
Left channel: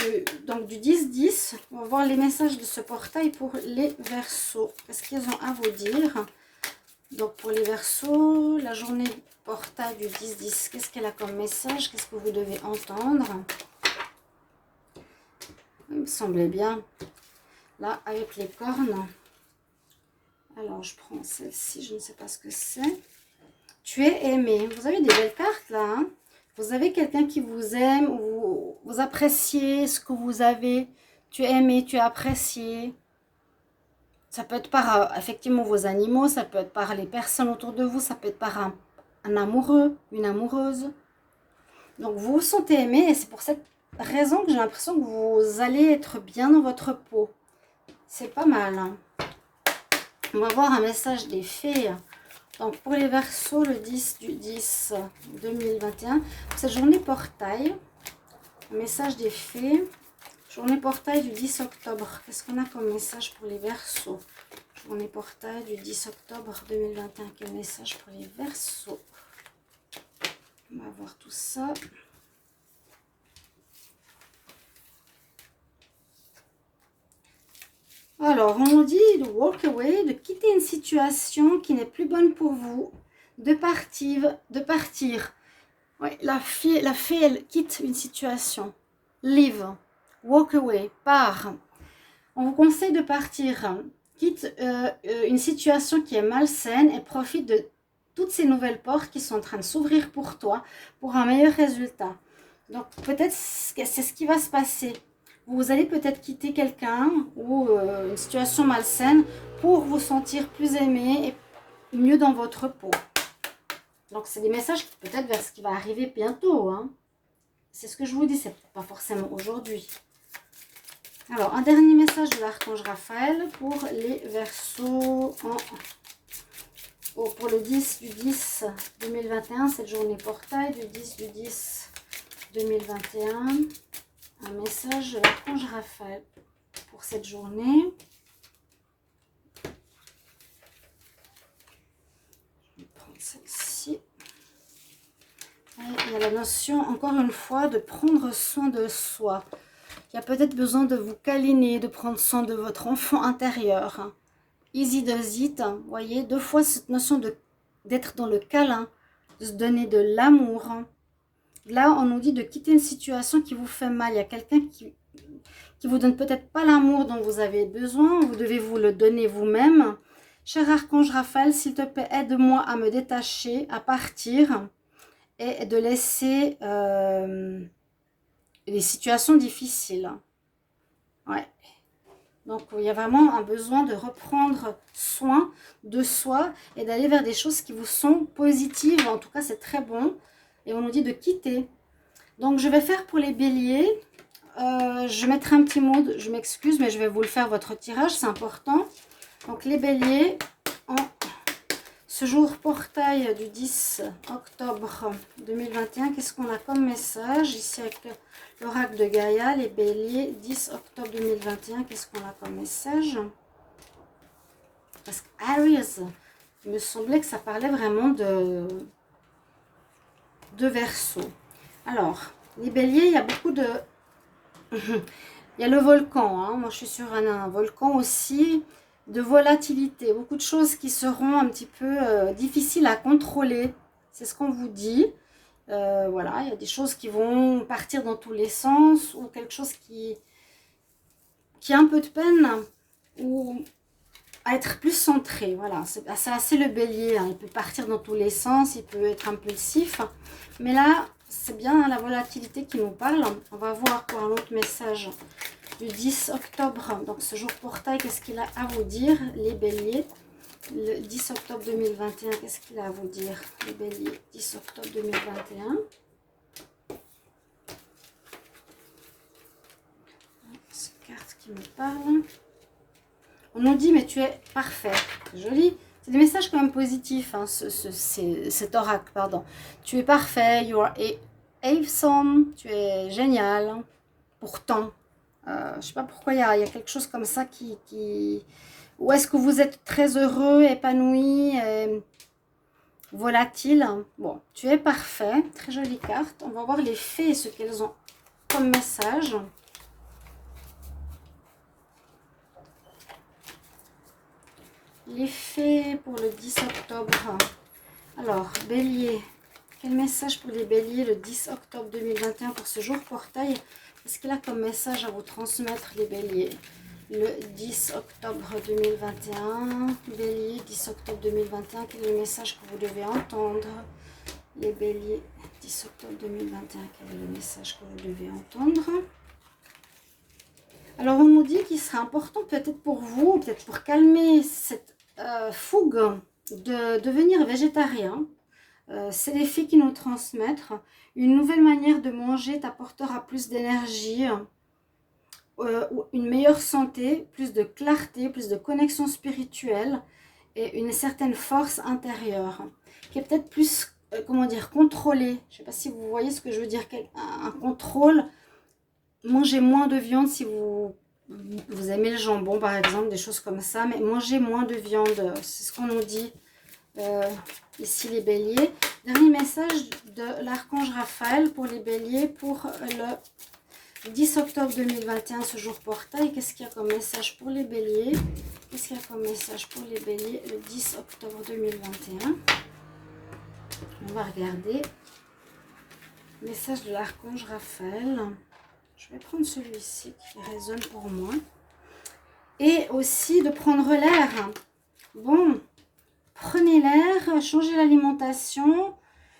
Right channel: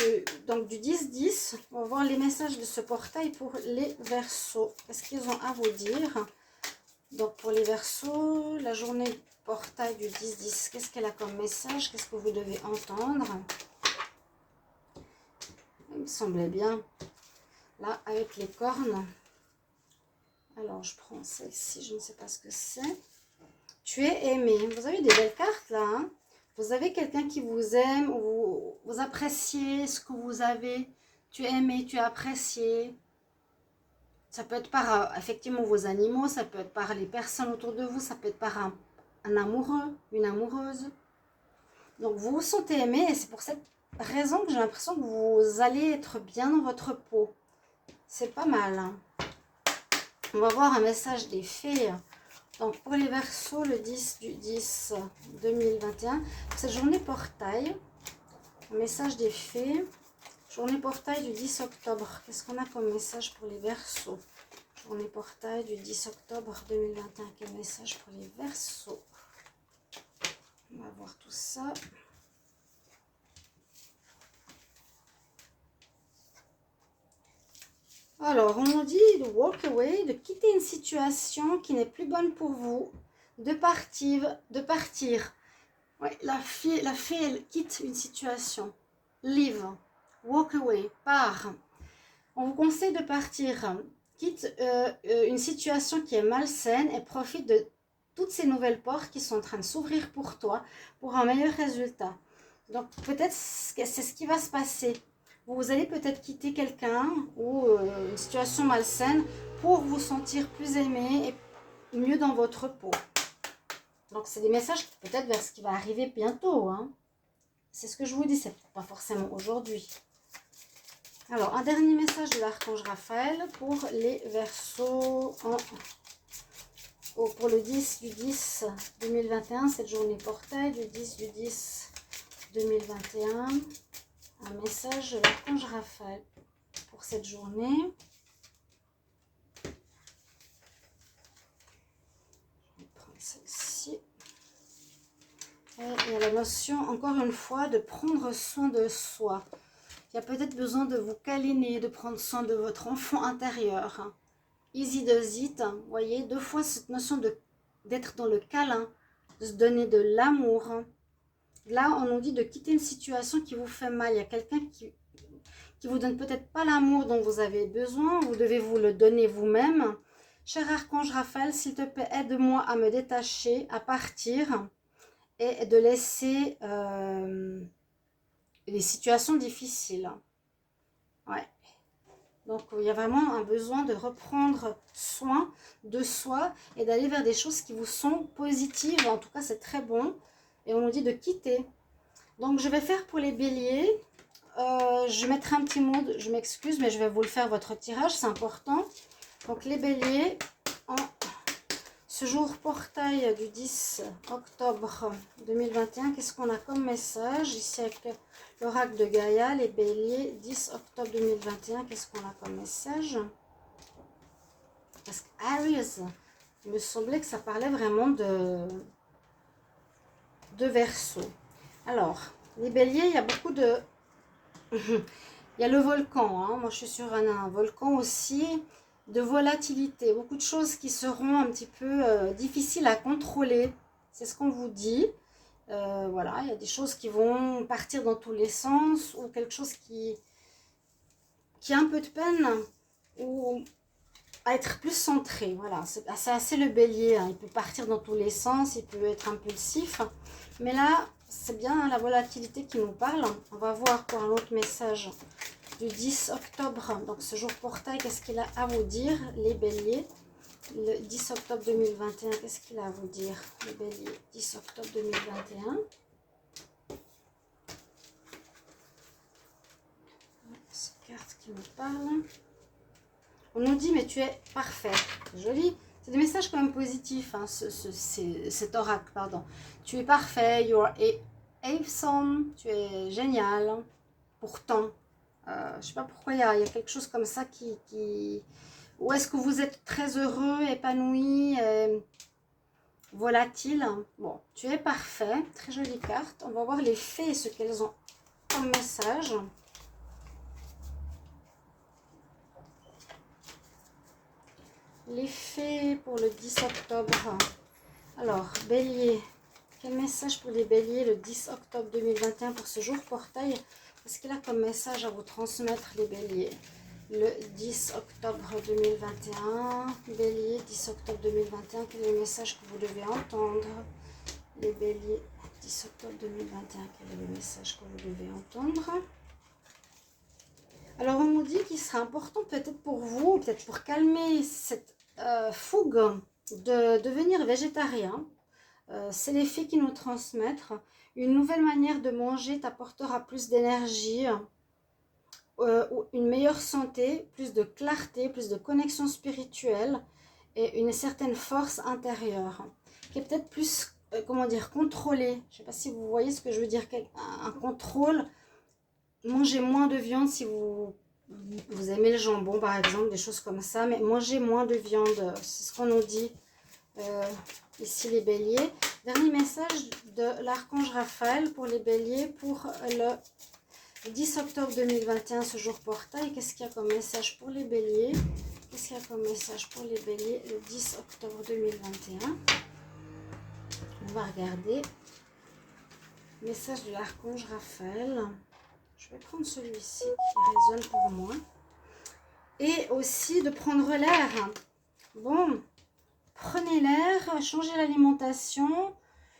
10-10. On va voir les messages de ce portail pour les Verseaux. Qu'est-ce qu'ils ont à vous dire? Donc pour les Verseaux, la journée portail du 10-10. Qu'est-ce qu'elle a comme message? Qu'est-ce que vous devez entendre? Il me semblait bien. Là, avec les cornes. Alors, je prends celle-ci. Je ne sais pas ce que c'est. Tu es aimé. Vous avez des belles cartes là. Hein? Vous avez quelqu'un qui vous aime. Vous appréciez ce que vous avez. Tu es aimé, tu es apprécié. Ça peut être par effectivement vos animaux. Ça peut être par les personnes autour de vous. Ça peut être par un amoureux, une amoureuse. Donc, vous vous sentez aimé. Et c'est pour cette raison que j'ai l'impression que vous allez être bien dans votre peau. C'est pas mal. Hein. On va voir un message des fées. Donc pour les Verseaux, le 10 du 10 2021, cette journée portail, message des fées, journée portail du 10 octobre. Qu'est-ce qu'on a comme message pour les Verseaux? Journée portail du 10 octobre 2021, quel message pour les Verseaux? On va voir tout ça. Alors, on nous dit de walk away, de quitter une situation qui n'est plus bonne pour vous, de partir. Oui, la fée, elle quitte une situation. Leave, walk away, part. On vous conseille de partir. Quitte une situation qui est malsaine et profite de toutes ces nouvelles portes qui sont en train de s'ouvrir pour toi, pour un meilleur résultat. Donc, peut-être c'est ce qui va se passer. Vous allez peut-être quitter quelqu'un ou une situation malsaine pour vous sentir plus aimé et mieux dans votre peau. Donc, c'est des messages peut-être vers ce qui va arriver bientôt. Hein. C'est ce que je vous dis, c'est pas forcément aujourd'hui. Alors, un dernier message de l'archange Raphaël pour les Verseaux pour le 10 du 10 2021, cette journée portail du 10 du 10 2021. Un message de l'archange Raphaël pour cette journée. Je vais prendre celle-ci. Il y a la notion, encore une fois, de prendre soin de soi. Il y a peut-être besoin de vous câliner, de prendre soin de votre enfant intérieur. Easy does it. Vous voyez, deux fois cette notion d'être dans le câlin, de se donner de l'amour. Là, on nous dit de quitter une situation qui vous fait mal. Il y a quelqu'un qui vous donne peut-être pas l'amour dont vous avez besoin. Vous devez vous le donner vous-même. Cher archange Raphaël, s'il te plaît, aide-moi à me détacher, à partir et de laisser les situations difficiles. Ouais. Donc, il y a vraiment un besoin de reprendre soin de soi et d'aller vers des choses qui vous sont positives. En tout cas, c'est très bon. Et on nous dit de quitter. Donc, je vais faire pour les béliers. Je mettrai un petit mot, je m'excuse, mais je vais vous le faire votre tirage, c'est important. Donc, les béliers, ce jour portail du 10 octobre 2021, qu'est-ce qu'on a comme message ici avec l'oracle de Gaïa, les béliers, 10 octobre 2021, qu'est-ce qu'on a comme message? Parce que Aries, il me semblait que ça parlait vraiment de Verseau. Alors, les béliers, il y a beaucoup de... il y a le volcan, hein. Moi je suis sur un volcan aussi, de volatilité. Beaucoup de choses qui seront un petit peu difficiles à contrôler. C'est ce qu'on vous dit. Voilà, il y a des choses qui vont partir dans tous les sens, ou quelque chose qui a un peu de peine, ou à être plus centré. Voilà, c'est assez le bélier, hein. Il peut partir dans tous les sens, il peut être impulsif. Mais là, c'est bien la volatilité qui nous parle. On va voir pour un autre message du 10 octobre. Donc ce jour portail, qu'est-ce qu'il a à vous dire, les béliers? Le 10 octobre 2021, qu'est-ce qu'il a à vous dire, les béliers? 10 octobre 2021. Cette carte qui me parle. On nous dit, mais tu es parfait. Joli. C'est des messages quand même positifs, hein, cet oracle, pardon. Tu es parfait, you are awesome, tu es génial. Pourtant, je ne sais pas pourquoi il y a quelque chose comme ça qui... Ou est-ce que vous êtes très heureux, épanoui, volatile? Bon, tu es parfait. Très jolie carte. On va voir les fées et ce qu'elles ont comme message. Les fées pour le 10 octobre. Alors, bélier. Quel message pour les béliers le 10 octobre 2021 pour ce jour portail? Qu'est-ce qu'il a comme message à vous transmettre, les béliers? Le 10 octobre 2021. Bélier, 10 octobre 2021. Quel est le message que vous devez entendre? Les béliers, 10 octobre 2021. Quel est le message que vous devez entendre? Alors, on nous dit qu'il sera important peut-être pour vous, peut-être pour calmer cette fougue de devenir végétarien. C'est les filles qui nous transmettent. Une nouvelle manière de manger t'apportera plus d'énergie, une meilleure santé, plus de clarté, plus de connexion spirituelle et une certaine force intérieure qui est peut-être plus, comment dire, contrôlée. Je ne sais pas si vous voyez ce que je veux dire, un contrôle. Mangez moins de viande si vous aimez le jambon, par exemple, des choses comme ça. Mais mangez moins de viande, c'est ce qu'on nous dit ici, les béliers. Dernier message de l'archange Raphaël pour les béliers pour le 10 octobre 2021, ce jour portail. Qu'est-ce qu'il y a comme message pour les béliers? Qu'est-ce qu'il y a comme message pour les béliers le 10 octobre 2021? On va regarder. Message de l'archange Raphaël. Je vais prendre celui-ci qui résonne pour moi. Et aussi de prendre l'air. Bon, prenez l'air, changez l'alimentation.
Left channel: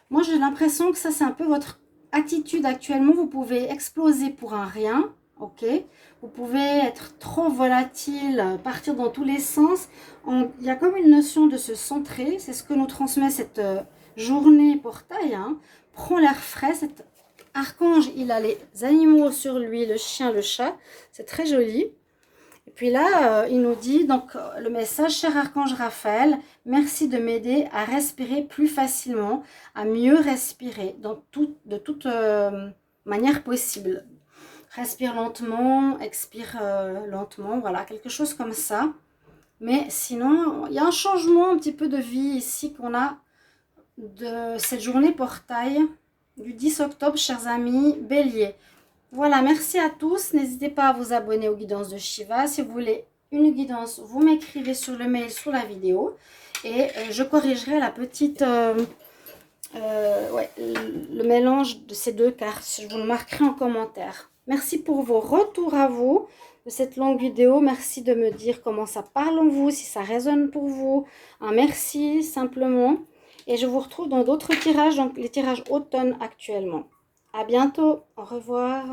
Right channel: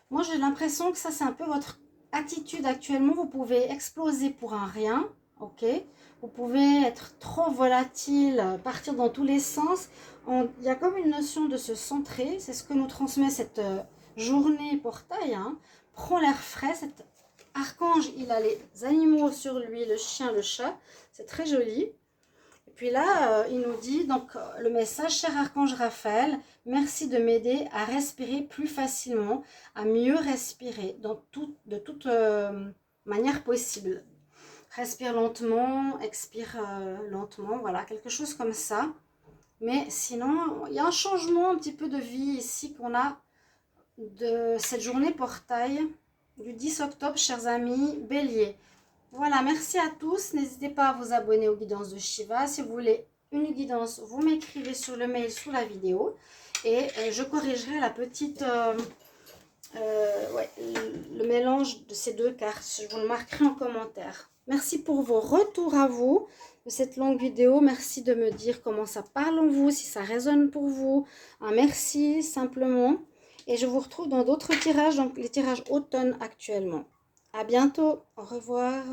Moi, j'ai l'impression que ça, c'est un peu votre attitude actuellement. Vous pouvez exploser pour un rien, ok? Vous pouvez être trop volatile, partir dans tous les sens. Il y a comme une notion de se centrer. C'est ce que nous transmet cette journée portail, hein. Prends l'air frais. Cet archange, il a les animaux sur lui, le chien, le chat. C'est très joli. Et puis là, il nous dit, donc le message, cher archange Raphaël, merci de m'aider à respirer plus facilement, à mieux respirer de toute manière possible. Respire lentement, expire lentement, voilà, quelque chose comme ça. Mais sinon, il y a un changement un petit peu de vie ici qu'on a de cette journée portail du 10 octobre, chers amis, bélier. Voilà, merci à tous. N'hésitez pas à vous abonner aux guidances de Shiva. Si vous voulez une guidance, vous m'écrivez sur le mail, sous la vidéo. Et je corrigerai la petite... le mélange de ces deux cartes. Je vous le marquerai en commentaire. Merci pour vos retours à vous de cette longue vidéo. Merci de me dire comment ça parle en vous, si ça résonne pour vous. Un merci, simplement. Et je vous retrouve dans d'autres tirages, donc les tirages automne actuellement. À bientôt. Au revoir.